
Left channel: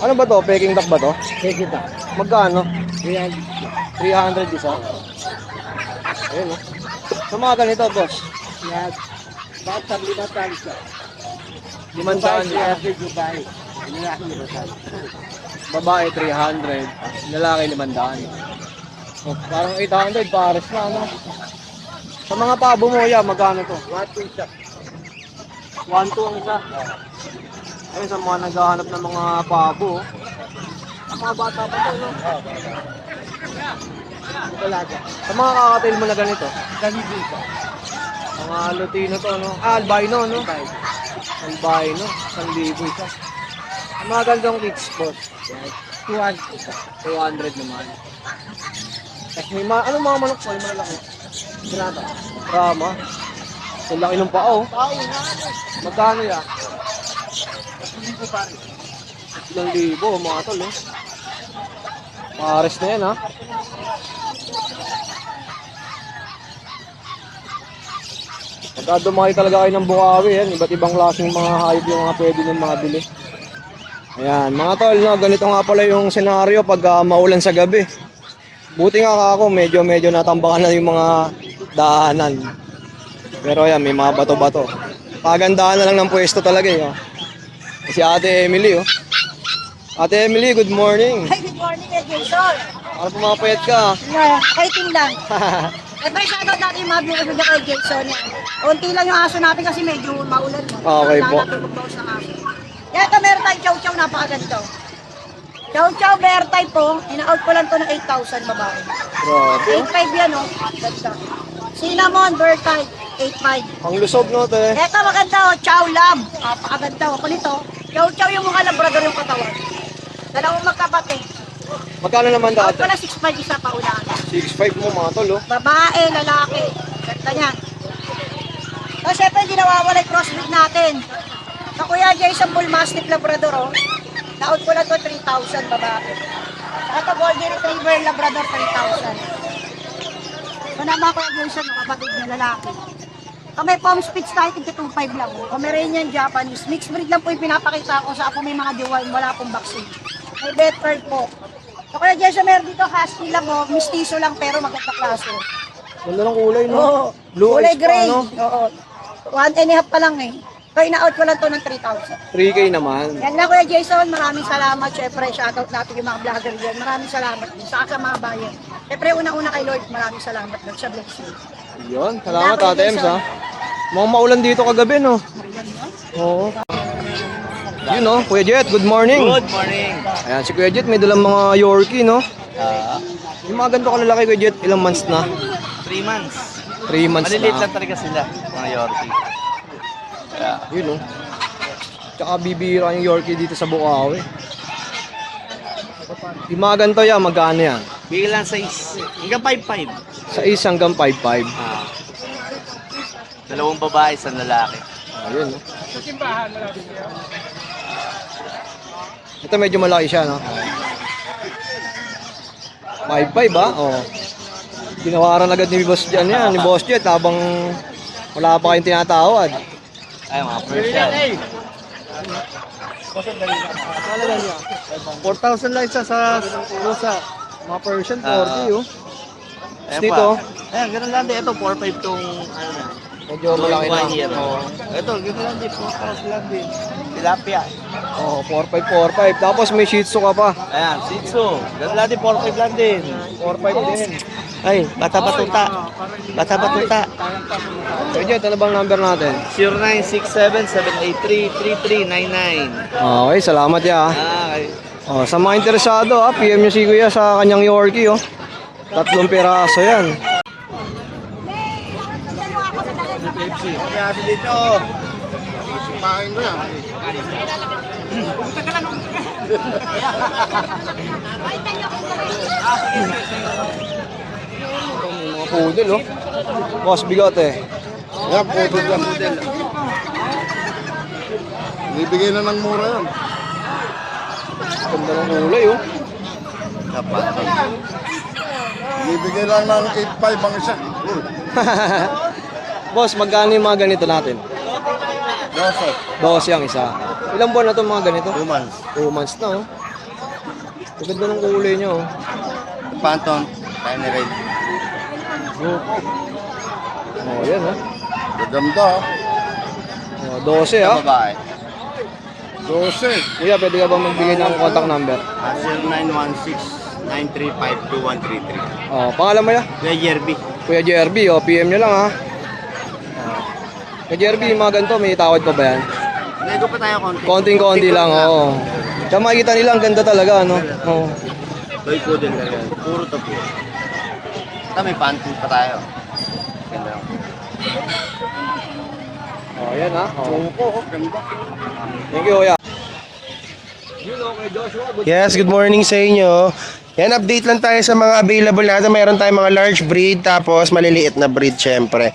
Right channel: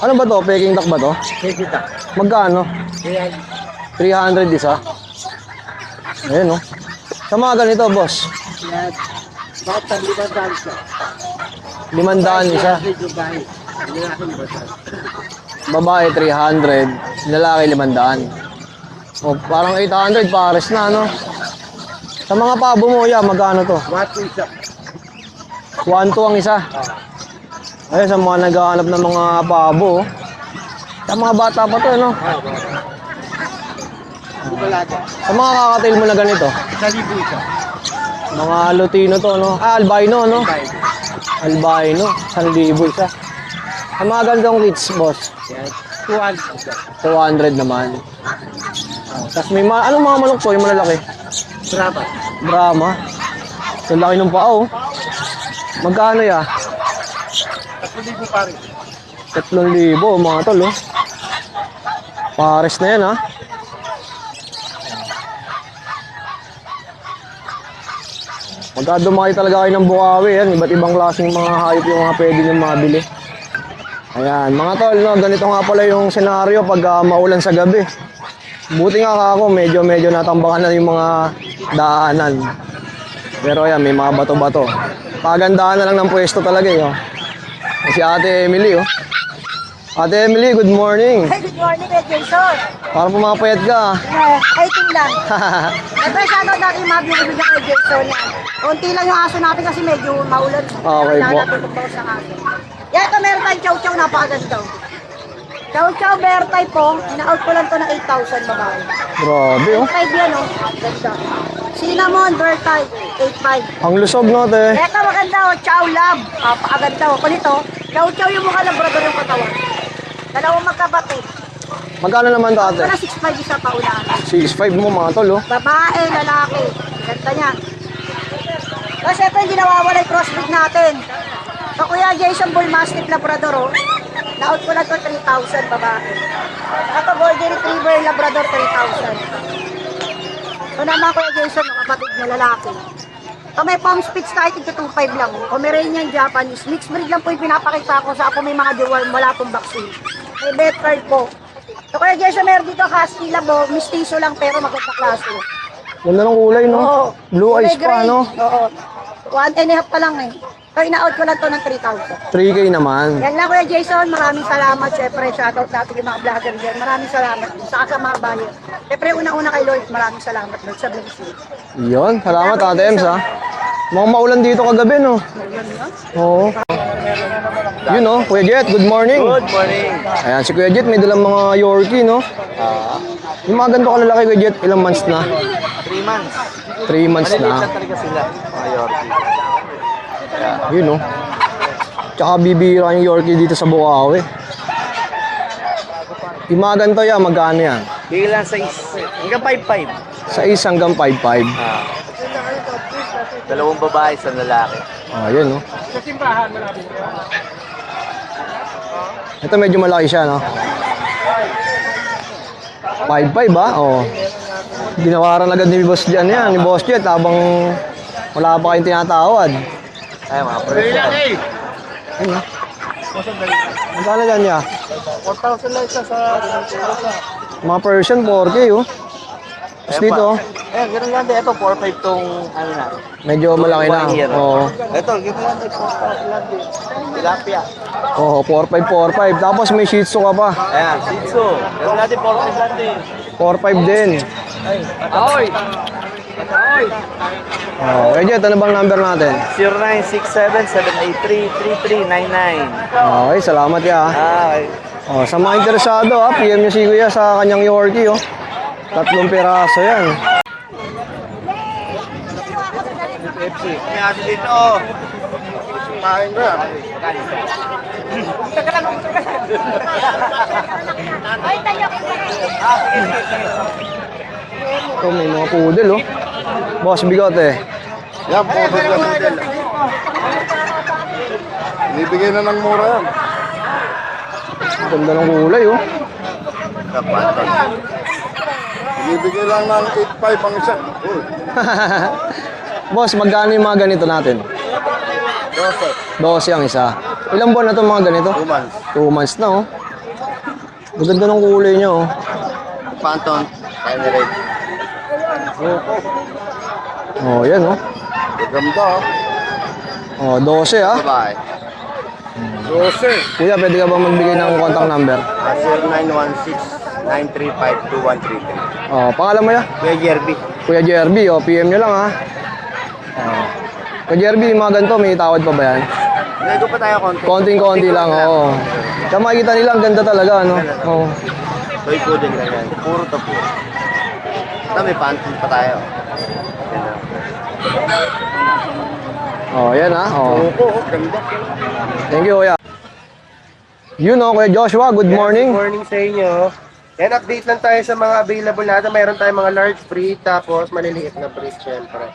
Ano ba to? Peking duck ba to? Peking duck. Magkano? 300 isa. Ayan oh. Sa mga ganito, boss? Yan. Bakit sa 500 siya? 500 isa. Dubai. Hindi ako 500. Babae 300, lalaki 500. O parang 800 pares na no. Sa mga pabo mo ya, magkano to? 1-2 ang isa. Ayun, sa mga naghahanap ng mga pabo. Oh. Sa mga bata pa to, no? Sa mga kakatail mo na ganito? Mga Lutino to, no? Albino, no? Albino, 1,000 isa. Sa mga gandang kids, boss? 200 naman. Tapos may anong mga manok po, yung malalaki? Brahma. Ang laki ng paa, oh. Magkano ya? 3,000 mga tol, oh. Pares na yan, ha? Magkadumaki talaga kayo ng Bukawi, yan. Iba't ibang klaseng mga hayop yung mga pwede nyo mabili. Ayan, mga tol, no, ganito nga pala yung senaryo pag maulan sa gabi. Buti nga ako, medyo natambakan na yung mga daanan. Pero ayan, may mga bato-bato. Kagandahan na lang ng pwesto talaga, eh. Oh. Si Ate Emily, oh. Ate Emily, good morning. Good morning, Ed Jason. Parang pumapayat ka, ah. Ay, lang. Siyempre, sana dati mabibig na kay Jason. Konti lang yung aso natin kasi medyo maulan. Okay po. Kaya natutog daw sa aso. Yan, ito meron tayong chow-chow, napakaganda. Chow Chow Bear type po, ina-out ko lang to ng 8,000 mga. Grabe, oh. 8,500 yan, oh. Cinnamon Bear type, 8,500. Ang lusog no, ate. Eka, maganda, oh. Chow Love. Napakaganda, oh. Kulit, oh. Chow Chow yung mukha ng brother ng katawan. Dalawang magkapatid. Magkano naman to, Out ate? ko na 6,500 isa pa unahan. 6.5 mo mga tol, oh. Babae, lalaki. Ganda niyan. So, syempre, hindi nawawala yung crossbreed natin. So, Kuya Jason Bull Mastiff Labrador, oh. Na-out ko na to 3,000 babae. At Golden Retriever Labrador, 3,000. So, naman Kuya Jason, kapatid na lalaki. So, may Palm Spitz tayo, ito 2,500 lang. Pomeranian Japanese. Mixed breed lang po yung pinapakita ko sa ako may mga deworm, wala pong vaccine. May vet card po. So, Kuya Jason, meron dito Husky Labo, mistiso lang pero maganda klase. Ganda ng kulay, no? Oo. Blue Kulay eyes pa, gray. no? Oo. 1.5 pa lang eh. Kaya ina-out ko lang to ng 3,000. 3K naman. Yan lang Kuya Jason, maraming salamat. Siyempre, shoutout natin yung mga vlogger dyan. Maraming salamat. Saka sa mga bayan. Siyempre, una-una kay Lord, maraming salamat. Sa BC. Yun, salamat Ate Ems, ha? Mukhang maulan dito kagabi, no? Oo. Yun, no? Kuya Jet, good morning. Good morning. Ayan, si Kuya Jet may dalang mga Yorkie, no? Yung mga ganito kalalaki, Kuya Jet, ilang months na? 3 months. 3 months Maliliit na. lang talaga sila, mga Yorkie. Yun, no? Tsaka bibira yung Yorkie dito sa Bukawi. Yung mga ganito yan, magkano yan? Bigyan lang 6. Hanggang 5-5. Sa 1 hanggang 5.5. Dalawang babae, isang lalaki. Ah, yun, no? Ito medyo malaki siya, no? 5.5 ba? Oo. Ginawaran agad ni Boss Jet yan, ni Boss Jet habang wala pa kayong tinatawad. Ay, mga Persian. Ayun, no? Ang talaga niya? 4,000 lang isa sa Rosa. Mga Persian, 4K, oh. Tapos dito, oh, Ayan, ganun lang din. Ito, 4-5 tong, ano na. medyo malaki na. 1 year. Oo. Ito, ganun lang din. 4,000 lang din. Tilapia. Oo, 4.5, 4.5. Tapos may Shih Tzu ka pa. Ayan, Shih Tzu. Ganun natin, 4,500 lang din. 4.5 din. Ay, bata-bata. Bata-bata. Oo. Kaya dyan, ano bang number natin? 0967-783-3399. Okay, salamat ya. Ay, Oh, sa mga interesado, PM nyo si Kuya sa kanyang Yorkie, oh. 3 piraso yan. kaya dito. Kumain ko yan. Ito, may mga poodle, oh. Boss Bigote. Yan, pudel yan, pudel. Bibigay na ng mura yan. Ganda ng kulay, oh. Bibigay lang ng 8,500 ang isa. Boss, magkano yung mga ganito natin? Boss, yung isa. Ilang buwan na itong mga ganito? 2 months. 2 months na, oh. Maganda ng kulay niya, oh. Phantom. Emirate. Oh, yan, oh. Maganda. Oh, 12, ah. Babae. 12. Kuya, pwede ka bang magbigay ng contact number? 0916-935-2133. Oh, pangalan mo ya? Kuya Jerby. Kuya Jerby, oh. PM nyo lang, ha. Oh. Kuya Jerby, yung mga ganito, may tawad pa ba yan? Nego pa tayo konti. Konting-konti lang, oo. Kaya makikita nila, ang ganda talaga, ano? Oo. Toy poodle lang yan. Puro to po. Ito, may phantom pa tayo. Yan lang. Oh, yan, ha. Oh. Ganda. Thank you, Kuya. Yun, oh, Kuya Joshua, good Yes, morning. good morning sa inyo. Yan, update lang tayo sa mga available natin. Mayroon tayong mga large breed, tapos maliliit na breed, syempre.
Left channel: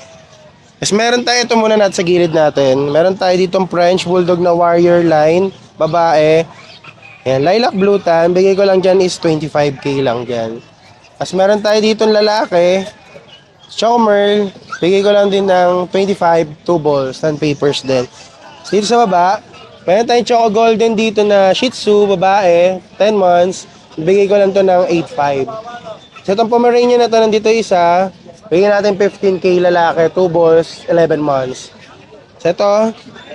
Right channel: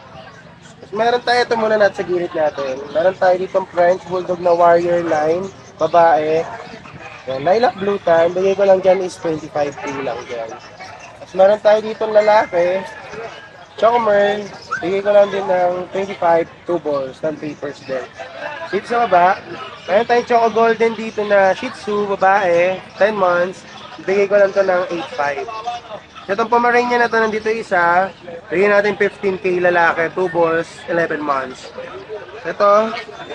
Mas meron tayo, ito muna natin sa gilid natin. Meron tayo ditong French Bulldog na Warrior line, babae. Yan, lilac blue tan. Bigay ko lang dyan is 25k lang dyan. Tapos meron tayo ditong lalaki, Choco Merl. Bigay ko lang din ng 25, 2 balls, 10 papers din. Dito sa baba, meron tayong Choco Golden dito na Shih Tzu, babae, 10 months. Bigay ko lang to ng 8.5. Sa itong Pomeranian na to, nandito isa. Bigyan natin 15k lalaki, 2 balls, 11 months. So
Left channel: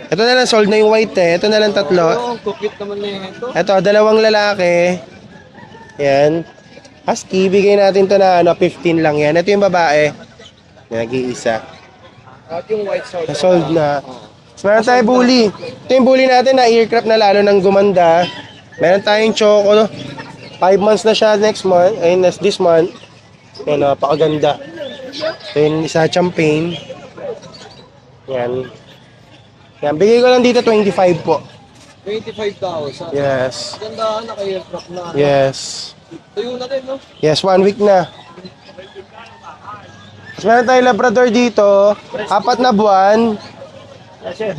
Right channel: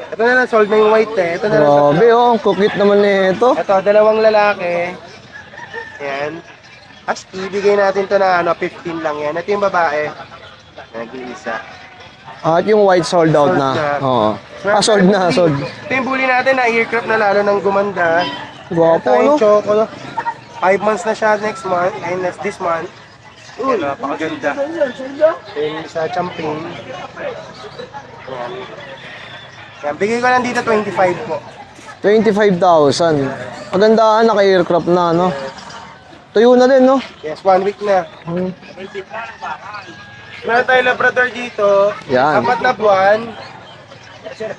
ito na lang, sold na yung white eh. Ito na lang tatlo. Grabe, oh, kukit naman nito. Ito, 2 lalaki. Yan. Husky, bigay natin to na 15 lang yan. Ito yung babae. Nag-iisa. At yung white sold out Sold na. na. Oo. Meron sold tayong na, bully. sold. Ito yung bully natin na earcraft na lalo ng gumanda. Meron tayong choco. 5 months na siya next month, ayun, this month. Yan, napakaganda. Then, isa champagne. Yan. Yan, bigay ko lang dito 25 po. 25,000. Yes. Magandaan, naka-aircraft na, no? Yes. Tuyo na din, no? Yes, 1 week na. Tapos meron tayong Labrador dito. Yan. 4 na buwan.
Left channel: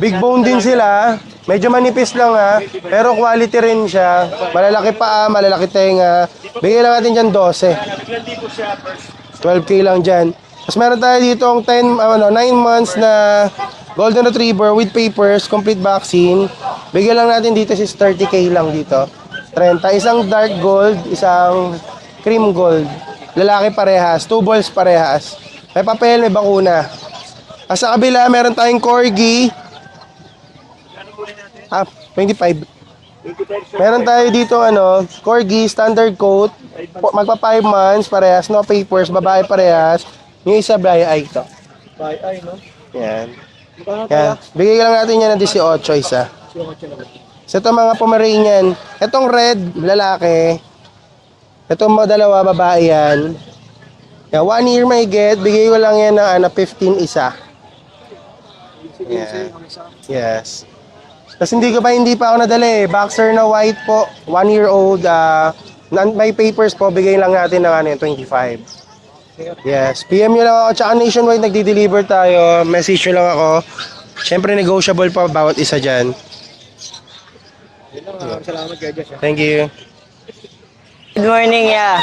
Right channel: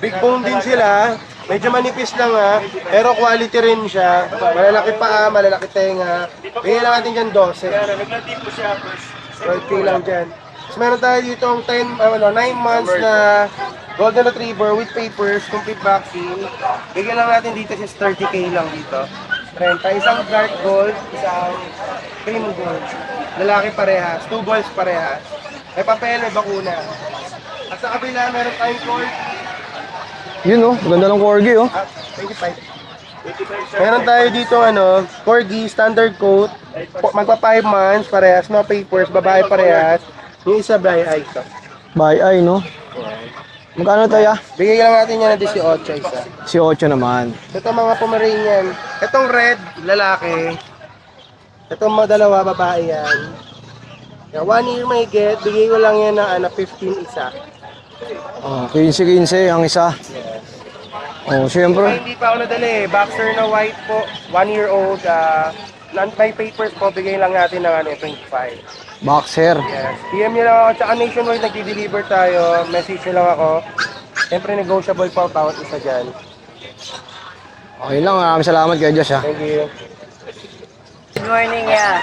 Big bone din sila. Medyo manipis lang ha. Pero quality rin siya. Malalaki paa, malalaki tenga. Bigay lang natin dyan 12. 12K lang dyan. Tapos meron tayo dito 9 months na Golden Retriever with papers, complete vaccine. Bigay lang natin dito is 30K lang dito. 30. Isang dark gold, isang cream gold. Lalaki parehas, 2 balls parehas. May papel, may bakuna. At sa kabila, meron tayong corgi. Yun, no? Maganda ng corgi, oh. 25. Meron tayo dito, corgi, standard coat. Magpa 5 months, parehas, no papers, babae parehas. Yung isa, Bri Eye to. By eye, no? Yan. Magkano tayo? Bigay lang natin yan ng 18 isa. Si 8 naman. So ito mga Pomeranian. Itong red, lalaki. Itong mga dalawa, babae yan. 1 year may get. Bigay ko lang yan ng 15 isa. Oh, 15 ang isa. Yes. Oh, Tapos hindi pa ako nadali. Boxer na white po. 1 year old. May papers po. Bigay lang natin ng 25. Boxer. Yes. PM nyo lang ako. Tsaka nationwide nagdi-deliver tayo. Message nyo lang ako. Siyempre negotiable pa bawat isa dyan. Okay lang. Maraming salamat kay Josh, ha? Thank you. Good morning, yeah.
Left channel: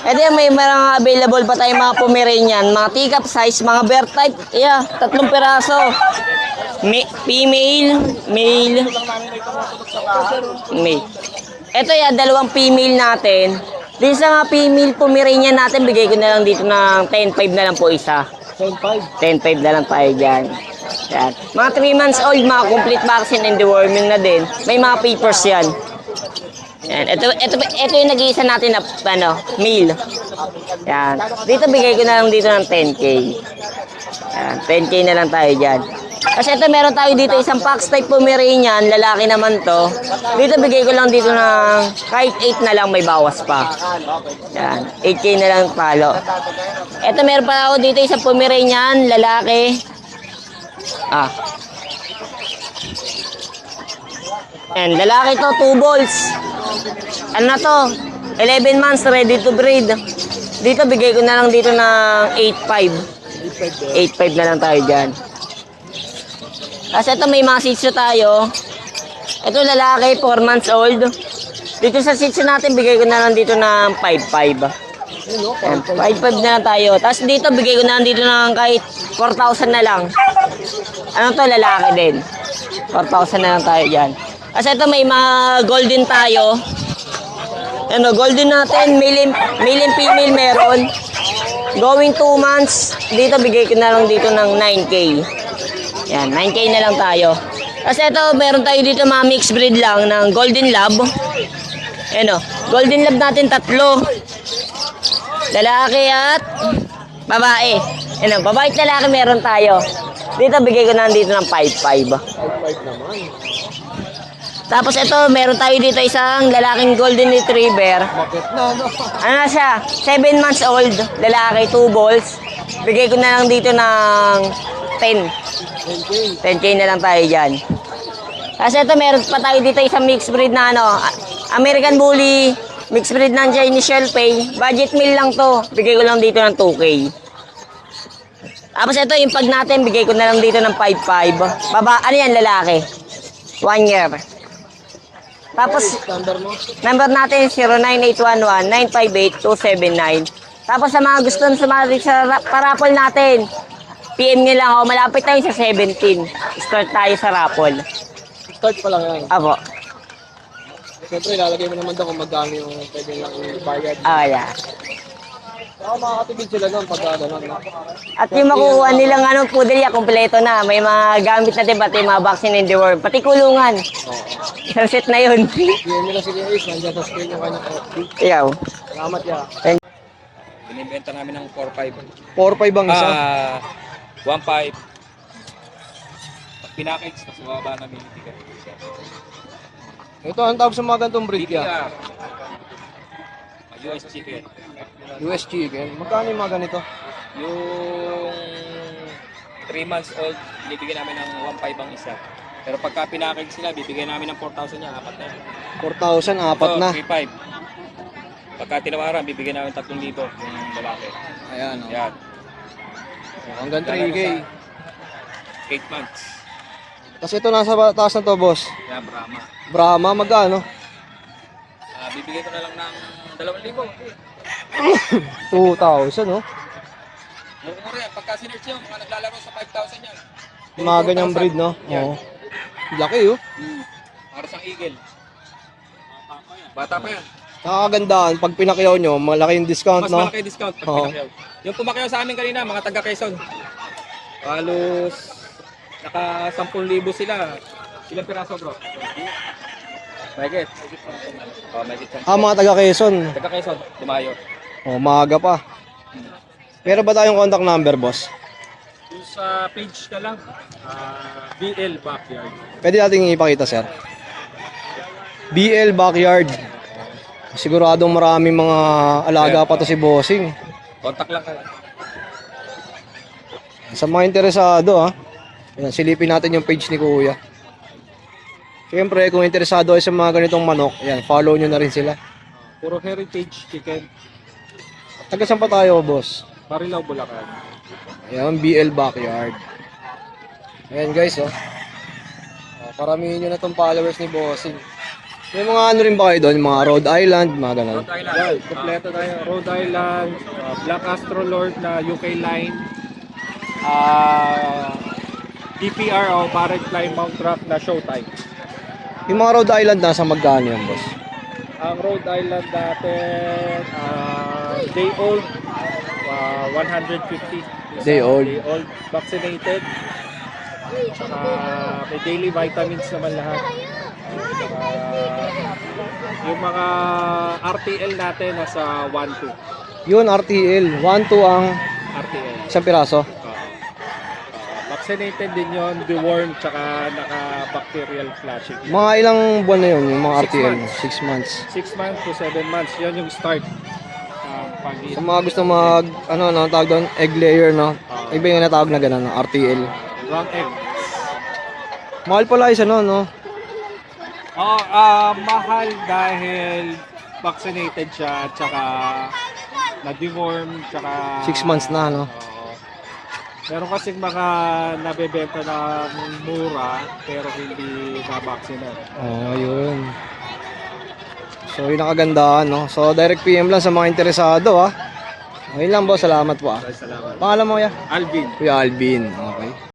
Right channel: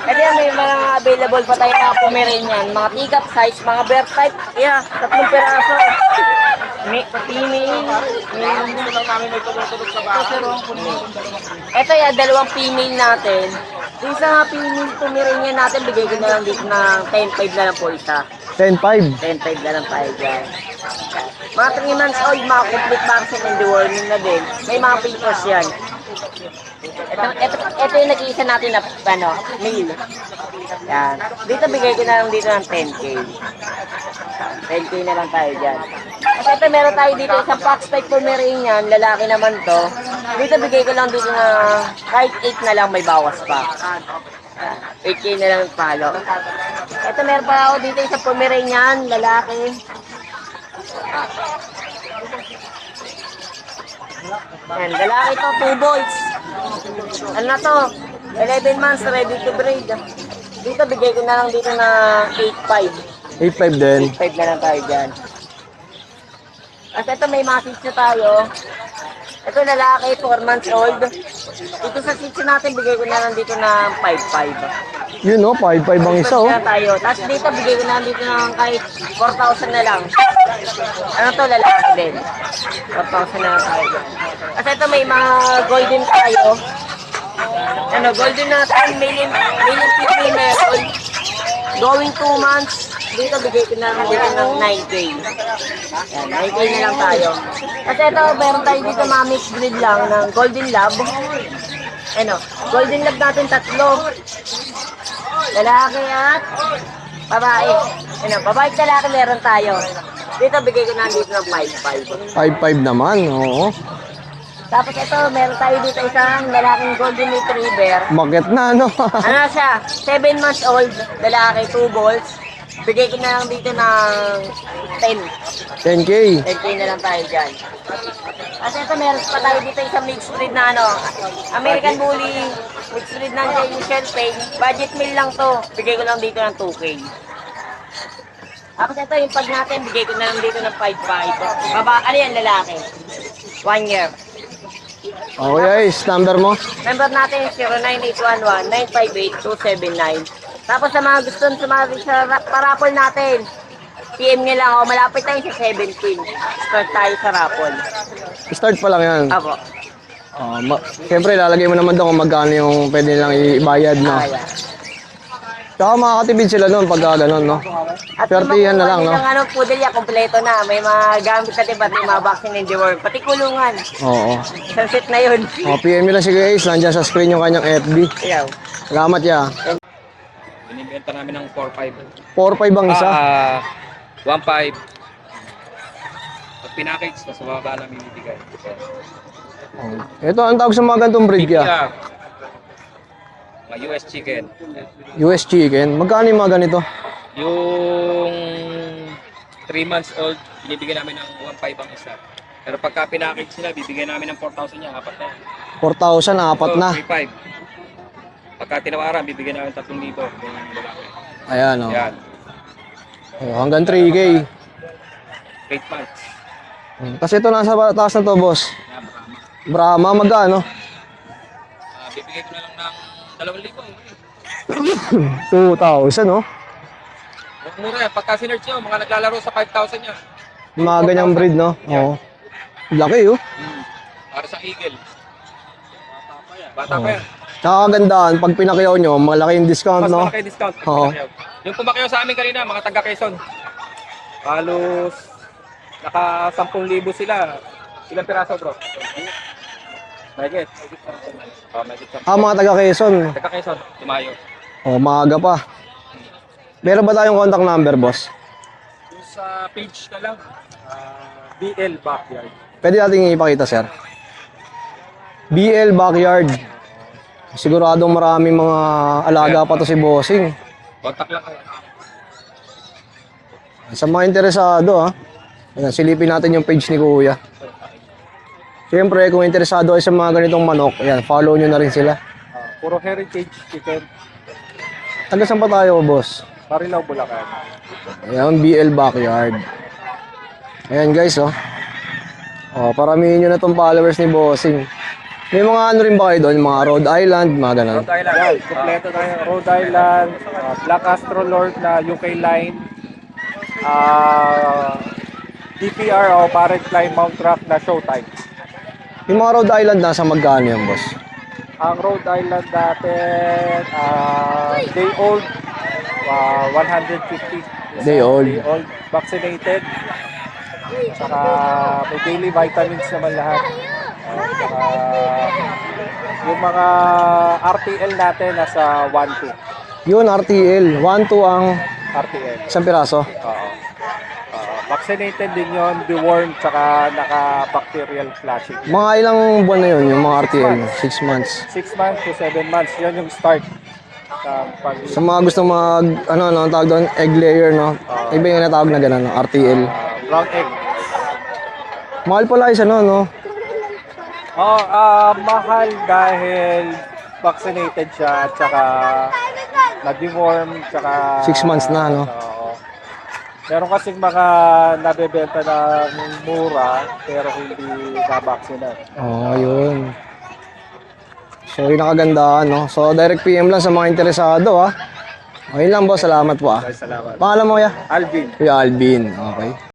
Kaya may mga available pa tayong mga Pomeranian, mga teacup size, mga bear type. Yeah, 3 piraso. Female, male, male. Ito yan, 2 female natin. Din sa mga female Pomeranian natin, bigay ko na lang dito ng 10.5 na lang po isa. 10.5. 10.5 na lang tayo dyan. Yan. Mga 3 months old, mga complete vaccine and deworming na din. May mga papers yan. Yan. Ito yung nag-iisa natin na male. Yan. Dito bigay ko na lang dito ng 10K. Yan. 10K na lang tayo dyan. Kasi ito meron tayo dito isang Fox type Pomeranian, lalaki naman to. Dito bigay ko lang dito ng kahit 8 na lang, may bawas pa. Yan. 8K na lang palo. Ito meron pa ako dito isang Pomeranian, lalaki. Yan, lalaki to, 2 balls. Ano na to? 11 months, ready to breed. Dito, bigay ko na lang dito ng 8.5. 8.5 din. 8.5 na lang tayo dyan. Kasi ito, may mga sitio tayo. Ito, lalaki, 4 months old. Dito sa sitio natin, bigay ko na lang dito ng 5.5. Yun, no? 5.5 ang 5.5 isa, na oh. lang tayo. Tapos dito, bigay ko na lang dito ng kahit 4,000 na lang. Ano to, lalaki din. 4,000 na lang tayo dyan. Kasi ito, may mga golden tayo. Golden natin, male and female meron. Going 2 months, dito bigay ko na lang dito ng 9K. Yan, 9K na lang tayo. Kasi ito, meron tayo dito mga mixed breed lang ng Golden Lab. Golden Lab natin 3. Lalaki at babae. Babae at lalaki meron tayo. Dito bigay ko na dito ng 5.5. 5.5 naman, oo. Tapos ito, meron tayo dito isang lalaking Golden Retriever. Bakit na, ano? Ano siya? 7 months old, lalaki, 2 balls. Bigay ko na lang dito ng 10. 10K. 10K na lang tayo dyan. Kasi ito, meron pa tayo dito isang mixed breed na American Bully, mixed breed ng Chinese Shelpay. Budget meal lang to. Bigay ko lang dito ng 2K. Tapos ito, yung pag natin, bigay ko na lang dito ng 5.5. Ano yan, lalaki? 1 year. Okay, Tapos, number mo? Number natin 09811-958-279. Tapos sa mga gusto sa mga raffle natin, PM nyo lang ako. Malapit tayo sa 17. Start tayo sa raffle. Start pa lang yan. Apo. Siyempre, lalagay mo naman doon kung magkano yung pwede nilang ibayad, no? Yeah. Tsaka makakatipid sila noon pag gano'n, no? At yung Swerte yan na makuha lang, nilang pudelya, kompleto na. May mga gamit natin, pati mga vaccine in the world. Pati kulungan. Oo. Isang set na yun. PM nyo lang si Ace, nandiyan sa screen yung kanyang FB. Iyaw. Salamat ya. Binibenta namin ng 4.5. 4.5 ang isa. 1.5. Pag pinackage, mas mababa namin ibigay. Ito, ang tawag sa mga gantong breed ya. Mga US chicken. US chicken. Magkano yung mga ganito? Yung 3 months old, binibigyan namin ng 1.5 ang isa. Pero pagka pinakage sila, bibigyan namin ng 4,000 yan, apat na yan. 4,000, apat na. 3.5. Pagka tinawaran, bibigyan namin 3,000 yung lalaki. Ayan, oh. Yan, Oh, hanggang 3K. 8 months. Kasi ito nasa taas na to, boss. Yan, Brahma. Brahma, magkano? Bibigay ko na lang ng 2,000. 2,000, no? Yung mura yan, pagka sinerch nyo, mga naglalaro sa 5,000 yan. Yung mga ganyang breed, no? Yan. Oo. Laki, oh. Para sa eagle. Bata pa yan. Tsaka kagandahan, pag pinakyaw nyo, malaki yung discount, Mas no? malaki discount pag Oo. pinakyaw. Yung pumakyaw sa amin kanina, mga taga Quezon. Halos naka 10,000 sila. Ilang piraso, bro? Mahigit. Oh, mahigit 10. Mga taga Quezon. Taga Quezon, Tumayo. Oh, maaga pa. Meron ba tayong contact number, boss? Yung sa page na lang, BL Backyard. Pwede natin ipakita, sir. BL Backyard. Siguradong maraming mga alaga pa to si Bossing. Contact lang kayo. Sa mga interesado, ha. Ayan, silipin natin yung page ni Kuya. Siyempre, kung interesado kayo sa mga ganitong manok, ayan, follow nyo na rin sila. Puro heritage chicken. Taga saan pa tayo, boss? Marilao, Bulacan. Ayan, BL Backyard. Ayan, guys, oh. Oh, paramihin nyo na tong followers ni Bossing. May mga ano rin ba kayo doon? Mga Rhode Island, mga ganun. Rhode Island. Yeah, kompleto tayo. Rhode Island, Black Astrolord na UK line, DPR o Parent Line Mount Rock na Showtime. Yung mga Rhode Island, nasa magkano yan, boss? Ang Rhode Island natin, day old, 150. Day old. Day old, vaccinated. Saka may daily vitamins naman lahat. Saka yung mga RTL natin nasa 1-2. Yun, RTL. 1-2 ang RTL. isang piraso. Oo. Vaccinated din yon, dewormed, tsaka naka-bacterial flashing. Mga ilang buwan na yun, yung mga 6 RTL? months. 6 months. 6 months to 7 months, yun yung start. Sa mga gusto mag, ano, tawag doon, egg layer, no? Iba yung natawag na gano'n, no? RTL. Brown egg. Mahal pala isa, no? Mahal dahil vaccinated siya at saka na-deworm, tsaka 6 months na, no? Oo. Meron kasing mga nabebenta na mura pero hindi na-vaccinate. Oh, yun. So, yun ang kagandahan, no? So, direct PM lang sa mga interesado, ha? Okay lang, boss. Salamat po, ah. Salamat. Pangalan mo, ya? Alvin. Kuya Alvin. Okay.